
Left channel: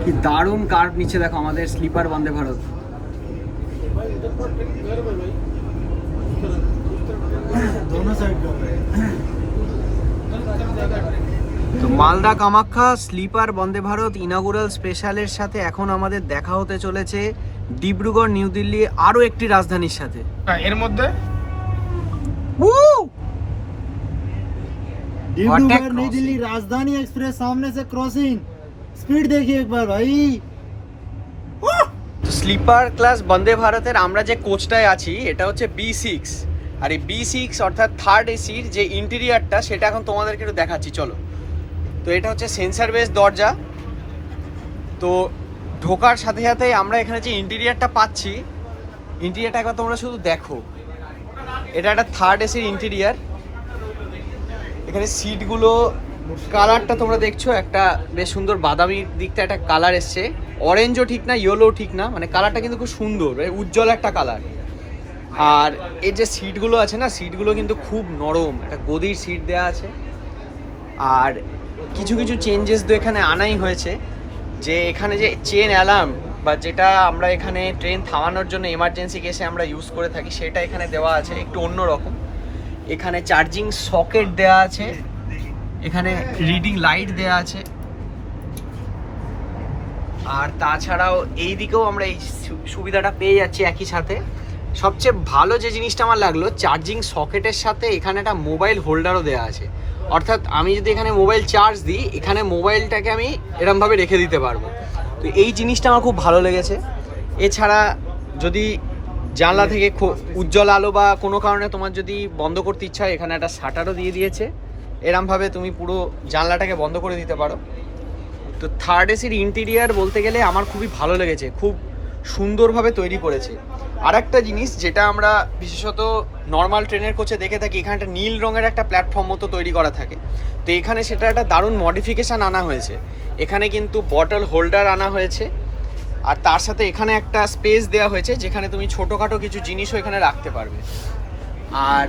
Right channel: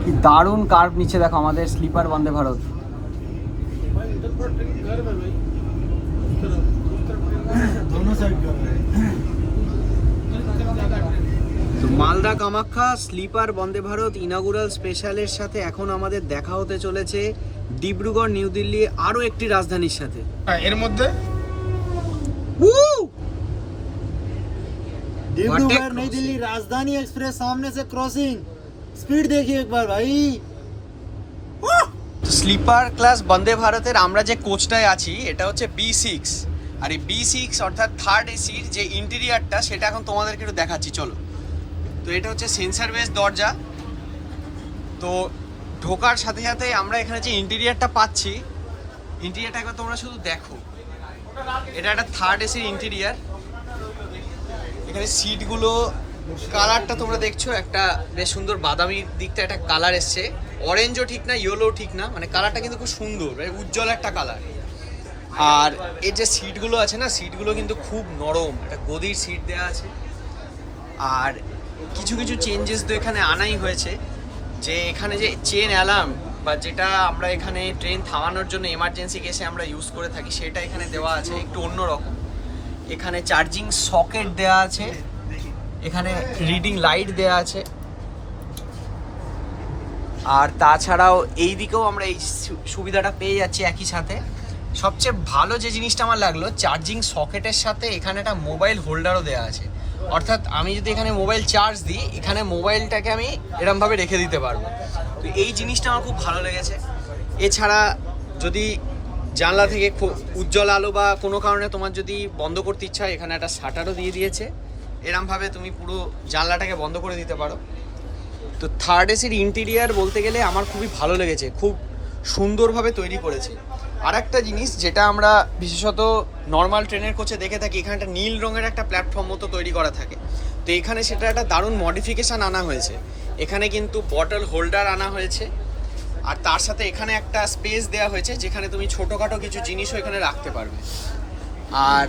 কি দারুণ কার্ভ নিচে দেখো আমাদের স্লিপার বন্দে ভারত। তো মালদা কামাখ্যা স্লিপার বন্দে ভারত ইনগুরাল স্পেশালের সাথে এখন আমাদের দেখা হতে চলেছে ডিব্রুগড় নিউ দিল্লি আরো একটি রাজধানীর সাথে। এর মধ্যে डिब्रूगढ़ नई दिल्ली राजधानी एक्सप्रेस सामने से क्रॉसिंग, स्पीड देखिए एक बार भाई। স্লিপার ক্লাস বন্দে ভারতের আমরা যে কোচটায় আছি এটা হচ্ছে B6, আর এই B6 অর্থাৎ থার্ড এসির যে ইন্টেরিয়ারটা সেটা এখন তোমাদেরকে একটু দেখাচ্ছি, চলো। তো এটা হচ্ছে সেন্সার বেস দরজা। তো ঢোকার সাথে সাথে আমরা এখানে যে ইন্টেরিয়ারটা পাচ্ছি, ইন্টেরিয়ারটা একবার তোমরা শুধু দেখো। এটা একটা থার্ড এসির ইন্টেরিয়ার। এখানে সিটগুলো কালারটা তোমরা দেখছো, একটা বেশ সুন্দর বাদামি দিকটা একটা কালার এসছে, অরেঞ্জও ঠিক না ইয়েলো ঠিক না, মানে কালারটা কিন্তু খুব সুন্দর, উজ্জ্বল একটা কালার। আর এই যে সিটগুলো আছে না, সিটগুলো কিন্তু খুব নরম, একটা গদির সিট দেওয়া আছে। আর কিছু কিছু চেঞ্জেস তো এখানে আনাই হয়েছে, যে এখানে যে চেন অ্যালার্ম বা যেটা আমরা এখানে ট্রেন থামানোর জন্য এমার্জেন্সি কেসে আমরা ইউজ করে থাকি সেটা এখানে দেওয়া আছে একটু অন্যরকম। এখানে চার্জিং সকেট দেওয়া আছে, এখানে রিডিং লাইট দেওয়া আছে। আর তাছাড়াও এই দিকেও আমরা এই সুবিধাটা পেয়ে যাচ্ছি একই সাথে। সবচেয়ে ভালো যে জিনিসটা আমার লাগলো, চার্জিং সকেটের সাথে এখানে একটা মোবাইল হোল্ডারও দেওয়া আছে, অর্থাৎ আমি যদি এখানে মোবাইল চার্জ দিই এখানে মোবাইলটাকে আমি এরমভাবে রেখে দিতে পারবো। তো এই জিনিসটা আমার খুব ভালো লেগেছে। এছাড়া যদি জানলা থেকে উজ্জ্বল আলো বা কোনো কারণে তোমার যদি বন্ধ করতে ইচ্ছা হয়, এখানে একটা শাটারও দিয়ে দিয়েছে, এরমভাবে তুমি পুরো জানলাটাকে বন্ধ করে দিতে পারো। তো থার্ড এসির ইন্টেরিয়ার বলতে গেলে আমার খুবই ভালো লেগেছে, খুব সুন্দরভাবে তৈরি করেছে। আর একটা জিনিস যেটা আমরা বিশেষত নর্মাল ট্রেনের কোচে দেখে থাকি, এখানে একটা নীল রঙের একটা প্ল্যাটফর্ম মতো তৈরি করা থাকে। তো এখানে সেটা একটা দারুণ মডিফিকেশান আনা হয়েছে, এখানে কিন্তু বটল হোল্ডার আনা হয়েছে। আর তার সাথে এখানে একটা স্পেস দেওয়া হয়েছে যেখানে তুমি ছোটোখাটো কিছু জিনিসও এখানে রাখতে পারবে। আর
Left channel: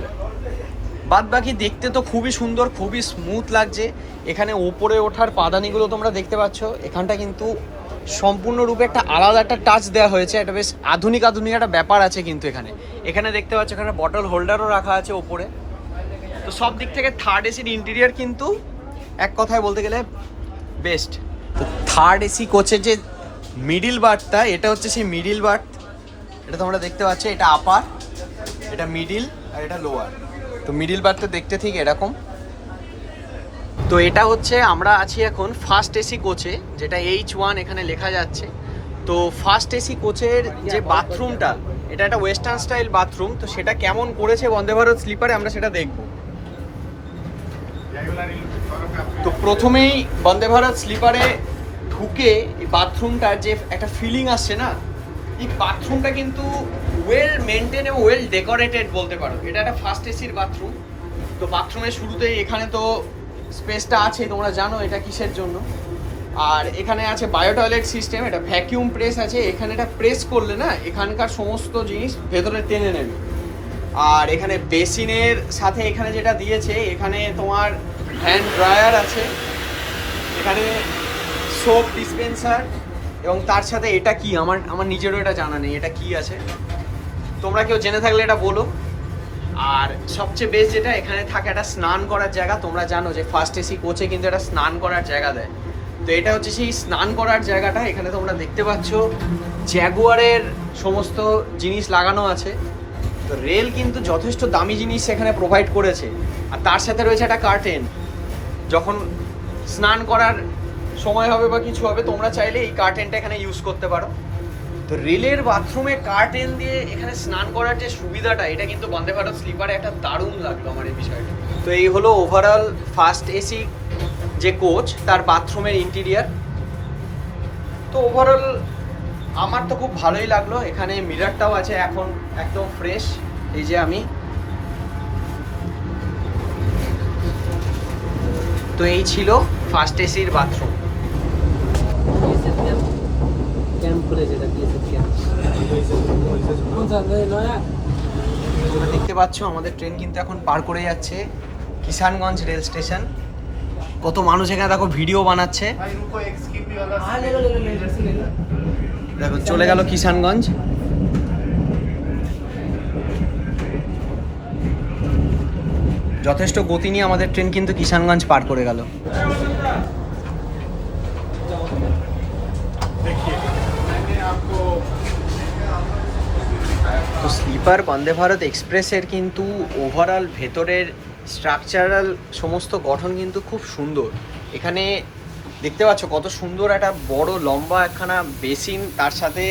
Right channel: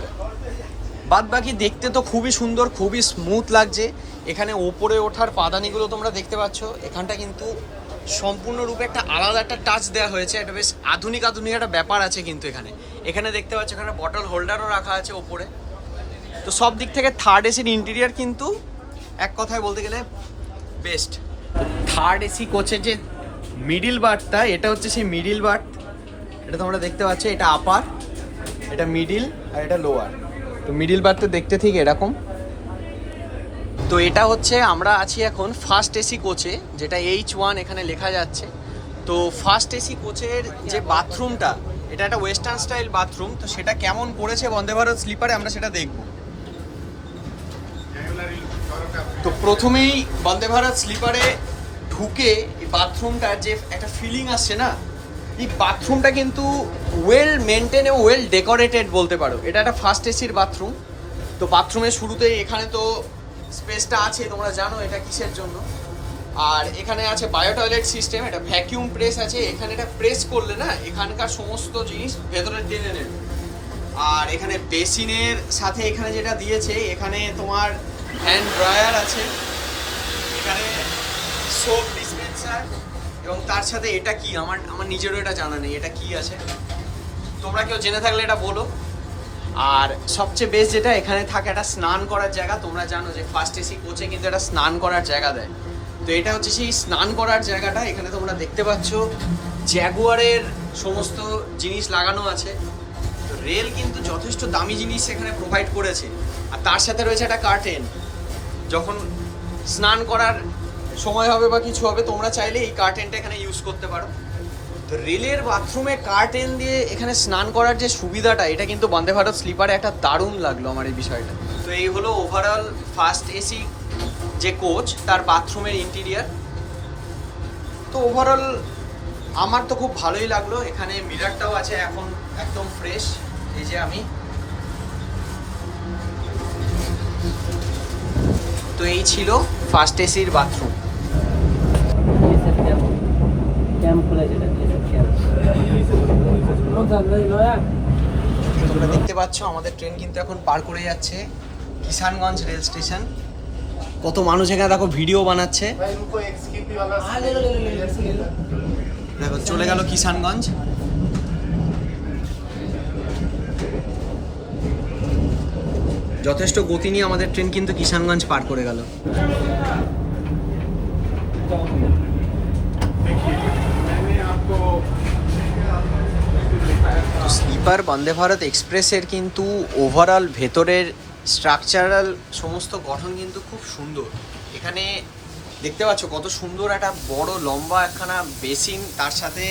বাদ বাকি দেখতে তো খুবই সুন্দর, খুবই স্মুথ লাগছে। এখানে ওপরে ওঠার পাদানিগুলো তোমরা দেখতে পাচ্ছ, এখানটা কিন্তু সম্পূর্ণরূপে একটা আলাদা একটা টাচ দেওয়া হয়েছে, একটা বেশ আধুনিক একটা ব্যাপার আছে কিন্তু এখানে দেখতে পাচ্ছ এখানে বটল হোল্ডারও রাখা আছে ওপরে। তো সব দিক থেকে থার্ড এসির ইন্টেরিয়ার কিন্তু এক কথায় বলতে গেলে বেস্ট। তো থার্ড এসি কোচের যে মিডিল বার্থটা, এটা হচ্ছে সেই মিডিল বার্থ, এটা তোমরা দেখতে পাচ্ছ, এটা আপার, এটা মিডিল আর এটা লোয়ার। তো মিডিল বার্থটা দেখতে ঠিক এরকম, তো এটা হচ্ছে আমরা আছি এখন ফার্স্ট এসি কোচে, যেটা H1 এখানে লেখা যাচ্ছে। তো ফার্স্ট এসি কোচের যে বাথরুমটা, এটা একটা ওয়েস্টার্ন স্টাইল বাথরুম, তো সেটা কেমন করেছে বন্দে ভারত স্লিপারে আমরা সেটা দেখব। তো প্রথমেই বন্দে ভারত স্লিপারে ঢুকে এই বাথরুমটার যে একটা ফিলিং আসছে না, এই বাথরুমটা কিন্তু ওয়েল মেনটেন এবং ওয়েল ডেকোরেটেড বলতে পারো। এটা একটা ফার্স্ট এসির বাথরুম। তো বাথরুমের শুরুতেই এখানে তো স্পেসটা আছে, তোমরা জানো এটা কিসের জন্য। আর এখানে আছে বায়ো টয়লেট সিস্টেম, এটা ভ্যাকিউম প্রেস আছে, এখানে এটা প্রেস করলে না এখানকার সমস্ত জিনিস ভেতরে টেনে নেবে। আর এখানে বেসিনের সাথে এখানে যেটা দিয়েছে, এখানে তোমার হ্যান্ড ড্রায়ার আছে, এখানে সোপ ডিসপেন্সার, এবং তার সাথে এটা কি আমার নিজেরও এটা জানা নেই এটা কি আছে, তোমরা কেউ জেনে থাকলে এটা বলো। আর সবচেয়ে বেস্ট যেটা, এখানে থাকে একটা স্নান করার জায়গা। তোমরা জানো যে ফার্স্ট এসি কোচে কিন্তু একটা স্নান করার জায়গা দেয়, তো এটা হচ্ছে সেই স্নান করার জায়গাটা। এখানে তোমরা দেখতে পাচ্ছ জ্যাগুয়ারের সমস্ত জিনিস লাগানো আছে। তো রেল কিন্তু যথেষ্ট দামি জিনিস এখানে প্রোভাইড করেছে। আর তার সাথে রয়েছে একটা কার্টেন, যখন স্নান করার সময় হবে বা কিছু হবে, তোমরা চাইলে এই কার্টেনটা এখানে ইউজ করতে পারো। তো রেলের বাথরুমে কার্টেন দিয়ে এখানে স্নান করার যে সুবিধাটা, এটা কিন্তু বন্দে ভারত স্লিপারে একটা দারুণ লাগলো আমার এই বিষয়টা। তো এই হলো ওভারঅল ফার্স্ট এসি যে কোচ, তার বাথরুমের ইন্টেরিয়ার। তো ওভারঅল আমার তো খুব ভালোই লাগলো। এখানে মিরারটাও আছে এখন একদম ফ্রেশ। এই যে আমি, তো এই ছিল ফার্স্ট এসির বাথরুম। দেখতে পাচ্ছ আমাদের ট্রেন কিন্তু এখন পার করে যাচ্ছে কিষানগঞ্জ রেল স্টেশন। কত মানুষ এখানে দেখো ভিডিও বানাচ্ছে। দেখো চলে গেল কিষানগঞ্জ। যথেষ্ট গতি নিয়ে আমাদের ট্রেন কিন্তু কিষানগঞ্জ পার করে গেল। তো স্লিপার বন্দে ভারত এক্সপ্রেসের কিন্তু ওভারঅল ভেতরের স্ট্রাকচারাল সমস্ত গঠন কিন্তু খুব সুন্দর। এখানে দেখতে পাচ্ছ কত সুন্দর একটা বড় লম্বা একখানা বেসিন, তার সাথে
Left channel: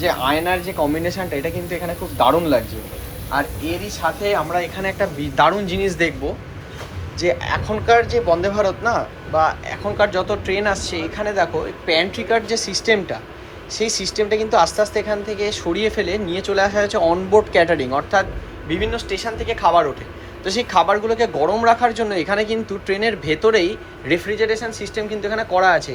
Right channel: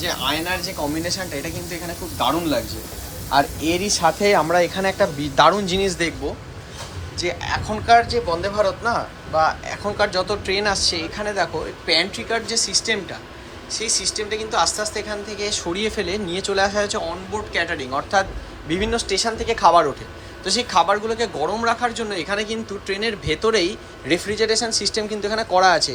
যে আয়নার যে কম্বিনেশনটা, এটা কিন্তু এখানে খুব দারুণ লাগছে। আর এরই সাথে আমরা এখানে একটা দারুণ জিনিস দেখব, যে এখনকার যে বন্দে ভারত না, বা এখনকার যত ট্রেন আসছে, এখানে দেখো প্যান্ট্রিকার যে সিস্টেমটা, সেই সিস্টেমটা কিন্তু আস্তে আস্তে এখান থেকে সরিয়ে ফেলে নিয়ে চলে আসা হয়েছে অনবোর্ড ক্যাটারিং, অর্থাৎ বিভিন্ন স্টেশন থেকে খাবার ওঠে। তো সেই খাবারগুলোকে গরম রাখার জন্য এখানে কিন্তু ট্রেনের ভেতরেই রেফ্রিজারেশন সিস্টেম কিন্তু এখানে করা আছে।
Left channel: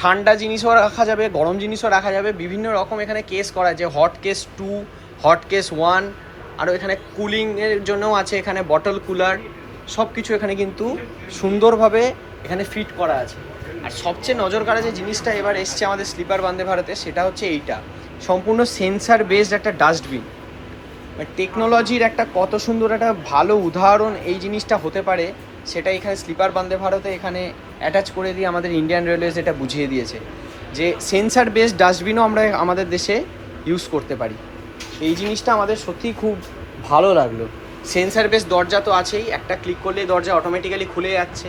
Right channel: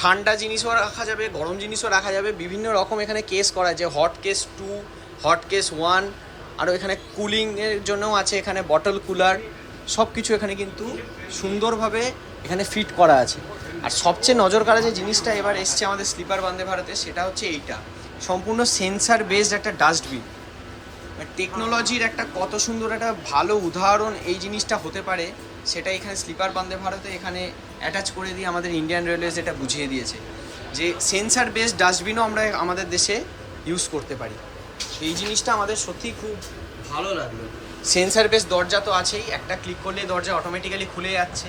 ঠান্ডা জিনিসও রাখা যাবে, গরম জিনিসও রাখা যাবে, বিভিন্ন রকম এখানে কেস করা আছে, হট কেস 2, হট কেস 1, আরও এখানে কুলিংয়ের জন্যও আছে এখানে বটল কুলার। সব কিছু এখানে কিন্তু সুন্দরভাবে এখানে ফিট করা আছে। আর সবচেয়ে নজর কাড়া যে জিনিসটা এবার এসছে আমাদের স্লিপার বন্দে ভারতে, সেটা হচ্ছে এইটা, সম্পূর্ণ সেন্সার বেসড একটা ডাস্টবিন। টেকনোলজির একটা কত সুন্দর একটা ভালো উদাহরণ এই জিনিসটা হতে পারে, সেটা এখানে স্লিপার বন্দে ভারতে এখানে অ্যাটাচ করে দিয়ে আমাদের ইন্ডিয়ান রেলওয়েজ এটা বুঝিয়ে দিয়েছে যে সেন্সার বেসড ডাস্টবিনও আমরা আমাদের দেশে ইউজ করতে পারি। এই জিনিসটা আমাদের সত্যিই খুব ভালো লাগলো। সেন্সার বেস দরজা তো আছেই, একটা ক্লিক করলে দরজা অটোমেটিক্যালি খুলে যাচ্ছে,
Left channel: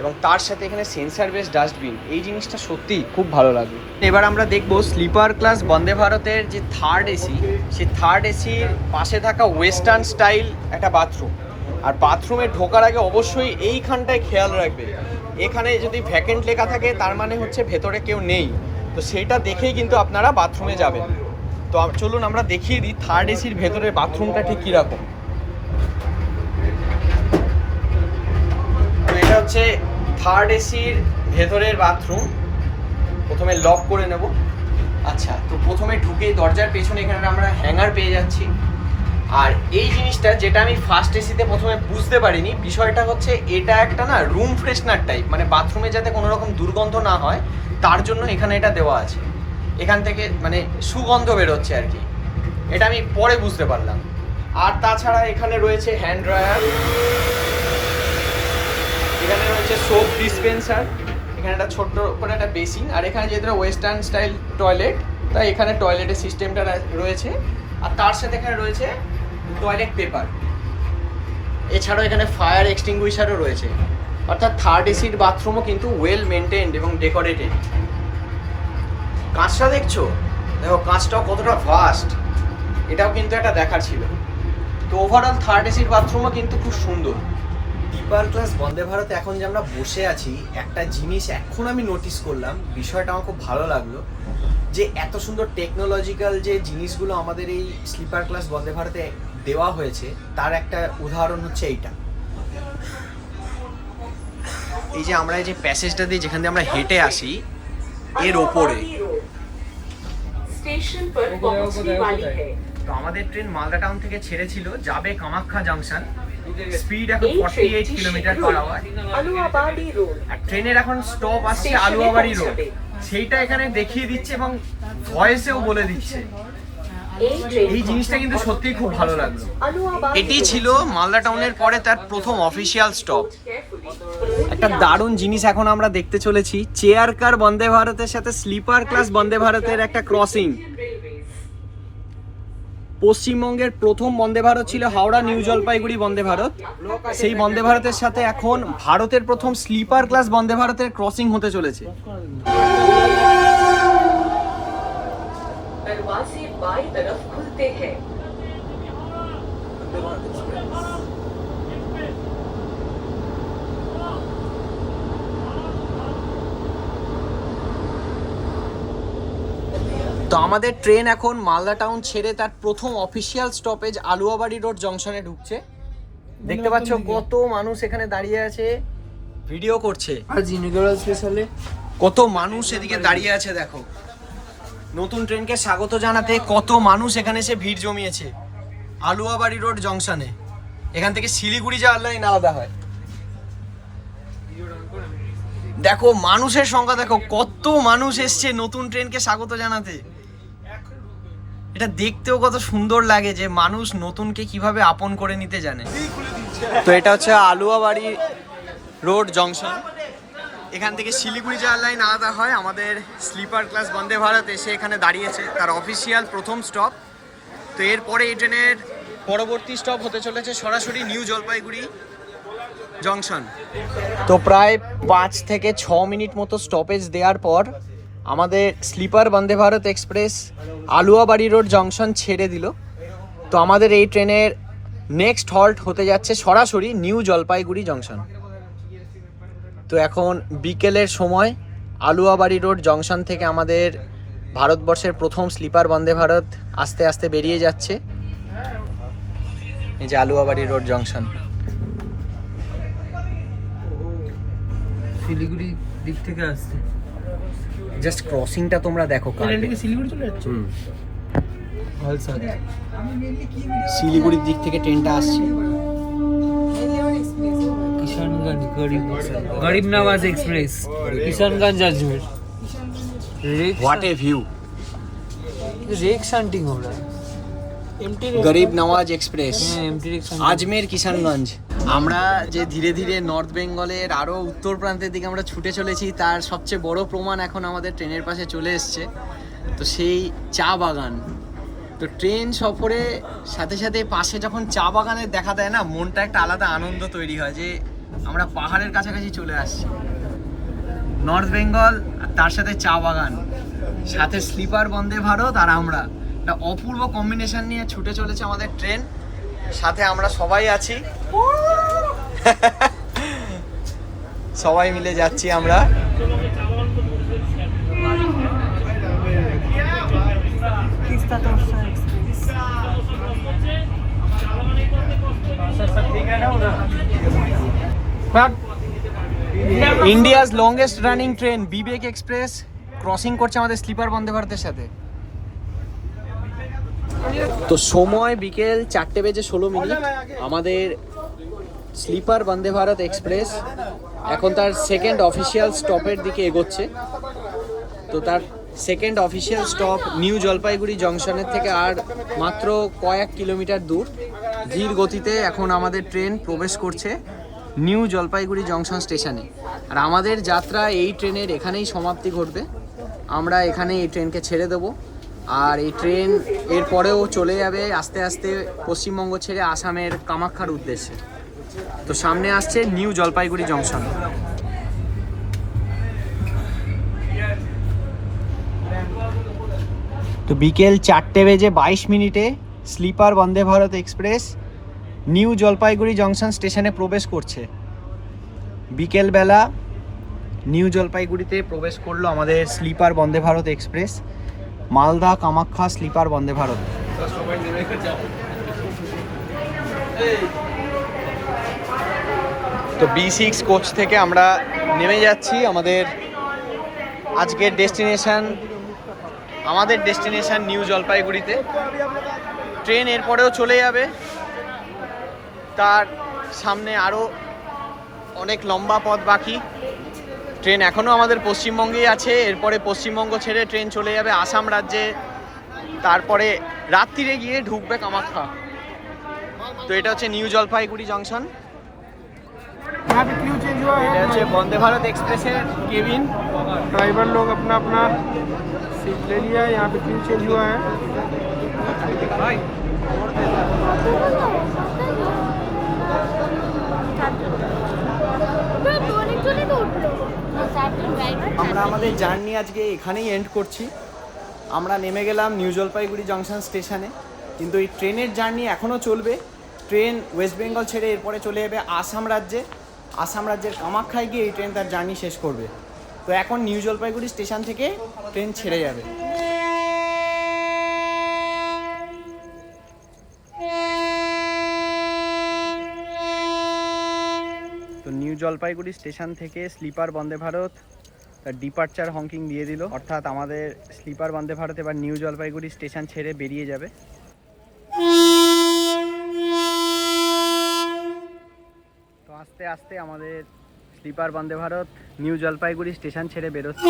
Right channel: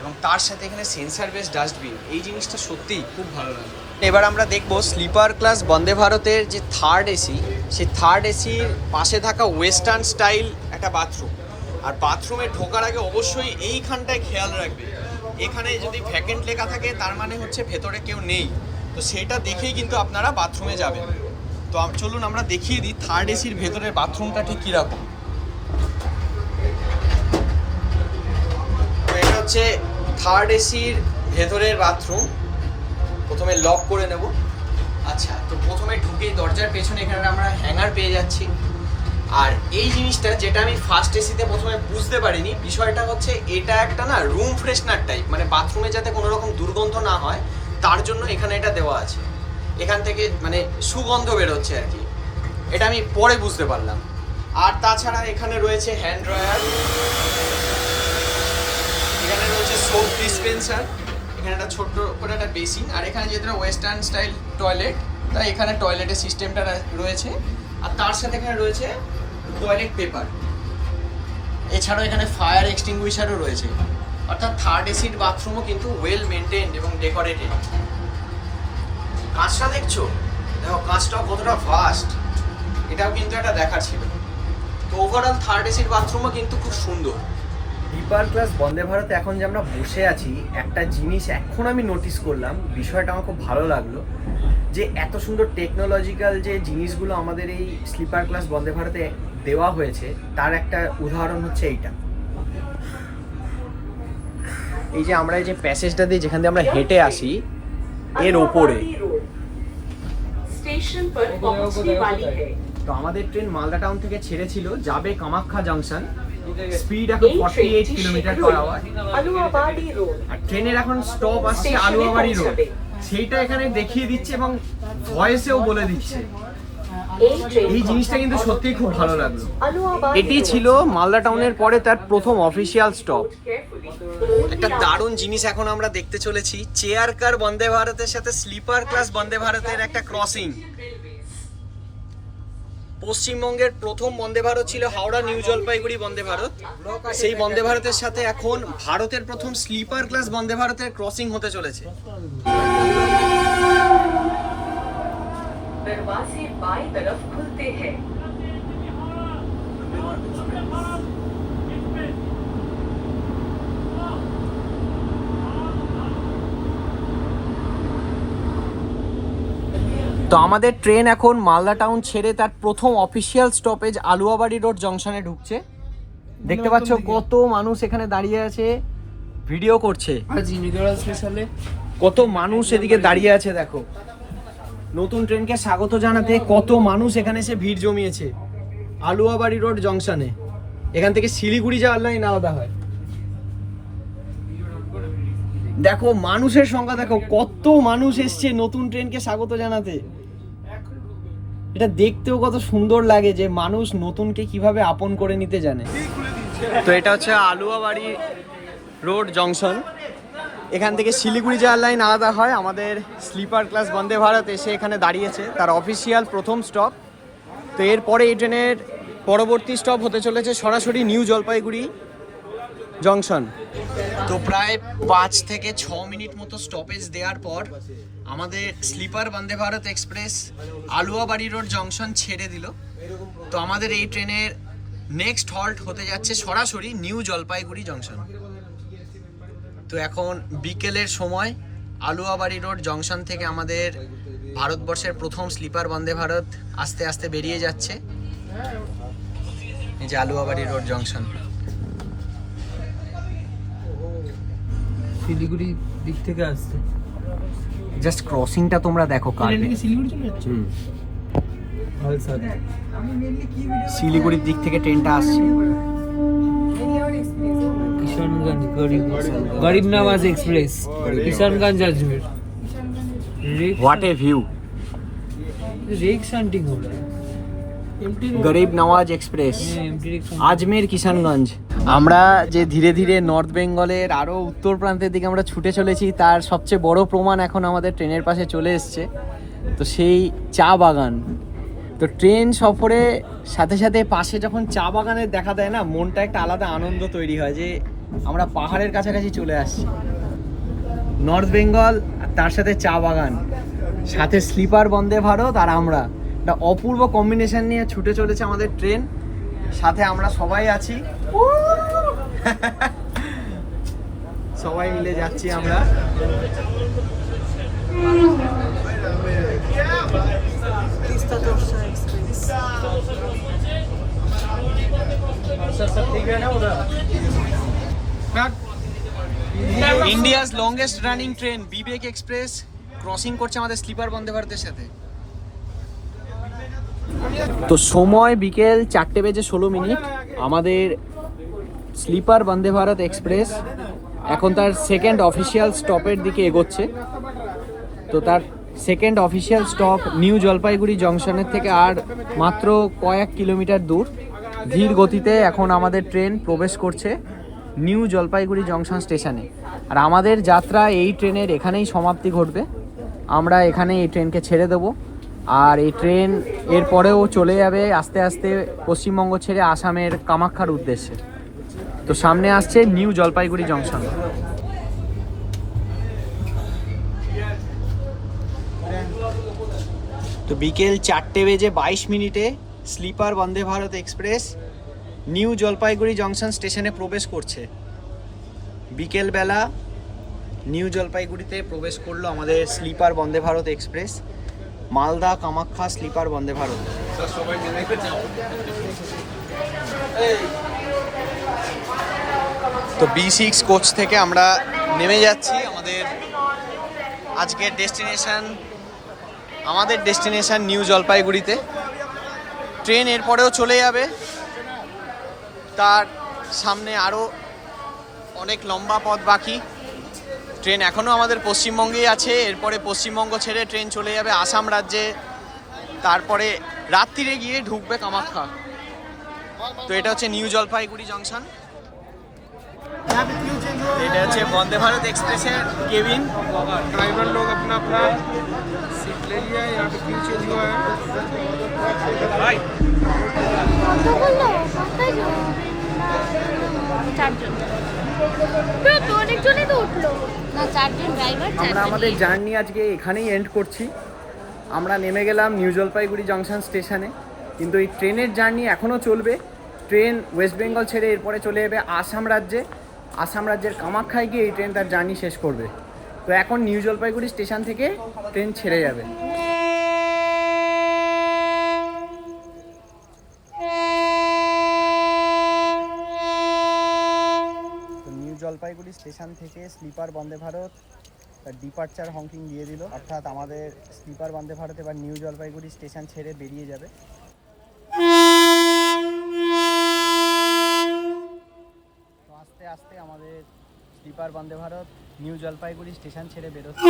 এবং তার সাথে এখানে সেন্সার বেস ডাস্টবিন, এই জিনিসটা সত্যিই খুব ভালো লাগলো। এবার আমরা দেখব স্লিপার ক্লাস বন্দে ভারতের যে থার্ড এসি, সেই থার্ড এসির পাশে থাকা ওয়েস্টার্ন স্টাইল একটা বাথরুম। আর বাথরুমে ঢোকার আগে অবশ্যই এইখানটায় খেয়াল রাখবে, এখানে যদি ভ্যাকেন্ট লেখা থাকে তার মানে হচ্ছে ভেতরে কেউ নেই। তো সেটা দেখেই কিন্তু আপনারা বাথরুমে যাবেন। তো চলুন আমরা দেখিয়ে দিই থার্ড এসির ভেতরের বাথরুমটা ঠিক কীরকম। এটা হচ্ছে থার্ড এসির ভেতরের বাথরুম। প্রথমে লক করে নেব। আচ্ছা, তো প্রথমে ঢুকেই দরজার পেছনে এখানে আমরা হ্যাঙ্গার পেয়ে যাচ্ছি। আর এই জিনিসটা যেটা আমি ফার্স্ট এসিতে প্রথমে বুঝতে পারিনি, বিষয়টা হচ্ছে এটা একটা না রুম ফ্রেশনার টাইপ, মানে বাথরুমে যাতে কোনো রকম দুর্গন্ধ না হয় তার জন্য এখানে এটা দেওয়া আছে। এখান থেকে মানে সুগন্ধ বেরোচ্ছে আর কি, এটা আমি পরে বুঝতে পারলাম। আর তাছাড়া এখানে রয়েছে হ্যান্ড ড্রায়ার, এখানে রয়েছে সোপ ডিসপেন্সার, এখানে একটা ছোট্ট করে একটা বেসিন, আর এখানে যেটা ওয়েস্টার্ন স্টাইল টয়লেট, তাই এখানে টয়লেটের সিস্টেমটা রয়েছে। আর তার সাথে এখানে রয়েছে টয়লেট পেপার। এছাড়াও এখানে ফায়ার এক্সটিংগুইশারও রয়েছে। অর্থাৎ থার্ড এসির বাথরুমও কিন্তু ওয়েল মেনটেন্ড এবং ডেকোরেটেড। কাঁচটা দেখছো, দেখো কাঁচটাও কতটা ভাস্ট, এটাও কিন্তু একটা দেখার ছিল। তো ওভারঅল থার্ড এসির বাথরুমও কিন্তু খুব সুন্দর। স্লিপার ক্লাস বন্দে ভারতে এখন যে আমরা বসে আছি, একটা জিনিস এখন আমি নোটিস করলাম, বিষয়টা আমার খুব ভালো লাগলো, যে এত সুন্দর টেকনোলজিক্যাল যে জিনিসগুলো আমাদের এই স্লিপার ক্লাস বন্দে ভারতে দেওয়া হয়েছে, তার একটা উদাহরণ হচ্ছে এইটা। এই যে আমরা এই যে প্যাসেজটা দিয়ে যেখান দিয়ে আমরা হেঁটে আসি, এর ওপরে स्टेशन पर पहुंचने वाली है। তো আমাদের ট্রেন মালদা টাউন থেকে ছেড়েছিল, যাবে কামাখ্যা জাংশন, স্পিড এখন 48 kilometre per hour. Aluabari Road, আর ট্রেনের এখন স্টপ আসছে আলুয়াবাড়ি রোড, সেইটা এখানে দেখিয়ে দিচ্ছে এবং ভয়েসেও বলে দিচ্ছে। এই জিনিসটা কিন্তু সত্যিই খুব ভালো লাগলো। এটি ছিল মালদা টাউনের পরে তার প্রথম অফিসিয়াল স্টপ। একটা দারুণ জিনিস এখন আমরা দেখতে চলেছি, চেয়ার কার বন্দে ভারতের সাথে স্লিপার ক্লাস বন্দে ভারতের একটা ক্রসিং। পশ্চিমবঙ্গের প্রথম বন্দে ভারত ছিল হাওড়া নিউ জলপাইগুড়ি বন্দে ভারত, সেই বন্দে ভারতের সাথে এখন ভারতের প্রথম স্লিপার ক্লাস বন্দে ভারতের ক্রসিং হতে চলেছে। दरवाजे बाईं तरफ खुलते हैं। তো আমাদের ট্রেন এখন মালদা টাউন ছেড়ে তার প্রথম অফিসিয়াল স্টপেজ আলুয়াবাড়ি রোড জংশনে ঢুকছে। দেখতে পাচ্ছ কত মানুষ এখানে দাঁড়িয়ে আছে, ভিডিও করছে। কত মানুষ এদিকে দাঁড়িয়ে আছে, দেখো নতুন ট্রেনকে স্বাগত জানাতে কত মানুষ এখানে এসে ভিড় জমিয়েছে আলুয়াবাড়ি রোড জংশনে। এখান থেকে শিলিগুড়ি যাওয়ার লাইন আলাদা হয়। দেখো মানুষের সংখ্যা, দেখো কত মানুষ এসছে নতুন ট্রেনকে স্বাগত জানাতে। এটা দেখতেও কত সুন্দর লাগে যে মানুষ নতুনকে কিভাবে আপন করে নিতে জানে। তো এটা হচ্ছে আলুয়াবাড়ি রোড জংশন, এখান থেকে শিলিগুড়ি যাওয়ার লাইন আলাদা হয়। আমাদের স্লিপার ক্লাস বন্দে ভারত এসে এখানে দাঁড়িয়েছে, তার অফিসিয়াল প্রথম স্টপ। তো এরপরে এই ট্রেনের পরবর্তী স্টপ হতে চলেছে সরাসরি নিউ জলপাইগুড়ি জংশন। তো প্রায় 5 থেকে 6 মিনিট মতো স্টপেজ দেওয়ার পর আমাদের sleeper Vande Bharat Express Aluabari Road Junction ছেড়ে দিল। তো আমাদের এই ট্রেনের নেক্সট হল্ট হতে যাচ্ছে সরাসরি নিউ জলপাইগুড়ি জংশন। তো এখন বিকেলের সময় আলুয়াবাড়ি রোড জংশন থেকে আমাদের ভারতবর্ষের প্রথম স্লিপার বন্দে ভারত আস্তে আস্তে বেরিয়ে যাচ্ছে। এই যে আলুয়াবাড়ি রোড জংশন। শিলিগুড়ি দিক থেকে আসছে। জাস্ট ক্রসিংটা তোমরা দেখো, শিলিগুড়ি চলে যাচ্ছে। শিলিগুড়ির দিক থেকে ট্রেনটা আসছে। Kishanganj Garib Nawaz express, Kishanganj Ajmer. What a view, rake shunting हो रहा है। Garib Nawaz express empty rake Ajmer Kishanganj. আমরা যে ধীরে ধীরে নর্থ বেঙ্গলের আরও উত্তর প্রান্তের দিকে আমরা ছুটে চলেছি, তার সবচেয়ে বড় প্রমাণ এখন আমাদের ট্রেনের পাশে চলে এসছে। তো সেই চা বাগান, তো ট্রেন সফরে সাথে সাথে পাশে যখন চা বাগানের দেখা দেয় না, মনটা একটা আলাদা আনন্দ তৈরি হয় যে আমরা পাহাড়ের কাছাকাছি চলে আসছি। নর্থ বেঙ্গল আর তার সাথে চা বাগান, সাথে স্লিপার বন্দে ভারত, আর আমরা একটা অপূর্ব কম্বিনেশন নিয়ে ছুটে চলেছে আমাদের ট্রেন। সাথে আমরা সবাই আছি, সবাই মিলে যাচ্ছি আমরা। ইন্ডিয়াস লংগেস্ট রানিং ট্রেন বিবেক এক্সপ্রেস ক্রসিং করছে আমাদের স্লিপার বন্দে ভারতের সাথে। তো সময় বিকেল 4:16। আমাদের স্লিপার বন্দে ভারত এক্সপ্রেস এখন তার সেকেন্ড অফিসিয়াল স্টপের দিকে এগোচ্ছে। তো তার second official stop New Jalpaiguri জংশনের থেকে আর মাত্র কয়েক কিলোমিটার দূর। ধীর গতিতে এখন আমাদের ট্রেন প্রবেশ করছে নিউ জলপাইগুড়ি জংশন স্টেশনে। আর আমাদের যাত্রা এই ট্রেনের এখানেই সমাপ্তি ঘটবে। আমরা এখানে এই ট্রেনকে ছেড়ে দেবো, আর এই ট্রেন এরপরেও চলে যাবে আস্তে আস্তে পশ্চিমবঙ্গ ছেড়ে আসামের কামাখ্যার উদ্দেশ্যে। তো সামনে আসছে নিউ জলপাইগুড়ি জংশন। তো বিকেল 4:22 sleeper Vande Bharat Express New Jalpaiguri Junction স্টেশনে প্রবেশ করছে। বিকেলবেলা নিউ জলপাইগুড়িতে প্রবেশ করলো আমাদের sleeper Vande Bharat Express, Malda Kamakhya sleeper Vande Bharat. তো B6 কোচ থেকে আমরা নেমে যাচ্ছি আমাদের আজকের ডেস্টিনেশন নিউ জলপাইগুড়িতে। ট্রেন এরপরেও চলে যাবে, তার সামনে আরও অনেক লম্বা পথ বাকি। ট্রেন এখনও আমাদের পশ্চিমবঙ্গেই আছে, এরপরে পশ্চিমবঙ্গ ছেড়ে ট্রেন চলে যাবে আসাম রাজ্যে, তারপরে রাত্রিরে গিয়ে ঢুকবে কামাখ্যা। তো এটা হচ্ছে নিউ জলপাইগুড়ি জংশন। এটা হচ্ছে বন্দে ভারত एक्सप्रेसের केबिन। ड्राइवर लोग अपना अपना सीट ले लिया है। यहाँ पे क्यू चेंज हुआ है। আমরা আমাদের জার্নি আজকে এখানেই এন্ড করছি। আমরা নেমে গেলাম নিউ জলপাইগুড়ি জংশন স্টেশনে, কিন্তু এই ট্রেনের জার্নি এখনও চলবে। ট্রেন ওয়েস্ট বেঙ্গল ছেড়ে এরপরে চলে যাবে আসাম রাজ্যে। আসাম রাজ্যের কামাখ্যায় গিয়ে এই ট্রেন তার জার্নি শেষ করবে। তো এখন নিউ জলপাইগুড়ি স্টেশন থেকে ট্রেন ছেড়ে যাবে। তো নিউ জলপাইগুড়ি স্টেশন থেকে স্লিপার বন্দে ভারত ডিপার্চার হংকিং দিয়ে দিল, অর্থাৎ আমাদের স্লিপার বন্দে ভারত এবার নিউ জলপাইগুড়ি স্টেশন ছেড়ে বেরিয়ে যাবে। তো আস্তে আস্তে আমাদের sleeper Vande Bharat new Jalpaiguri station ছেড়ে বেরোচ্ছে।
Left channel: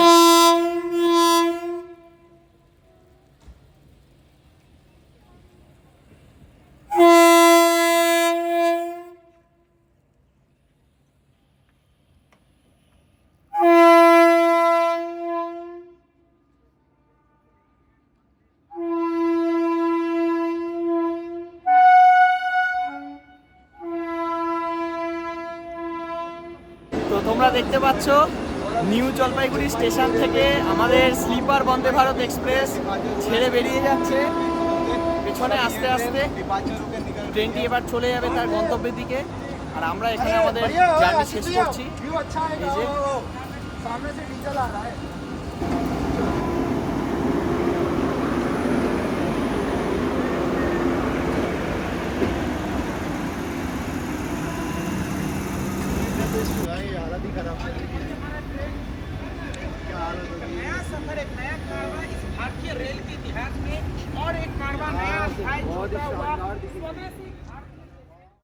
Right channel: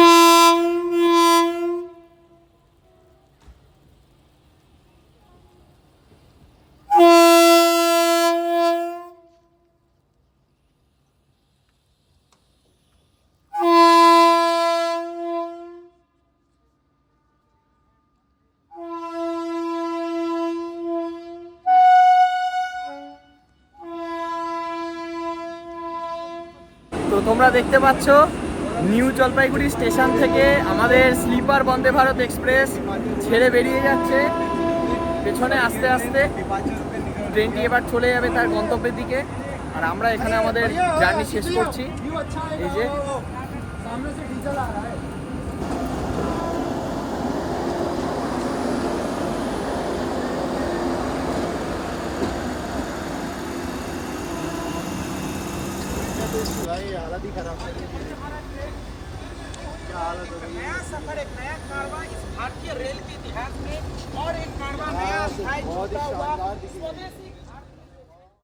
তো তোমরা দেখতে পাচ্ছ নিউ জলপাইগুড়ি স্টেশন থেকে আমাদের স্লিপার বন্দে ভারত এক্সপ্রেস ছেড়ে বেরিয়ে যাচ্ছে। পেছনে আস্তে আস্তে ট্রেনটি এবার চলে যাবে তার গন্তব্যের দিকে, আর আমরা এখানে আমাদের জার্নি শেষ করছি। এই যে भारतीय रेल के इतिहास में और एक कारवां नया दिखाई देता हुआ स्वदेशी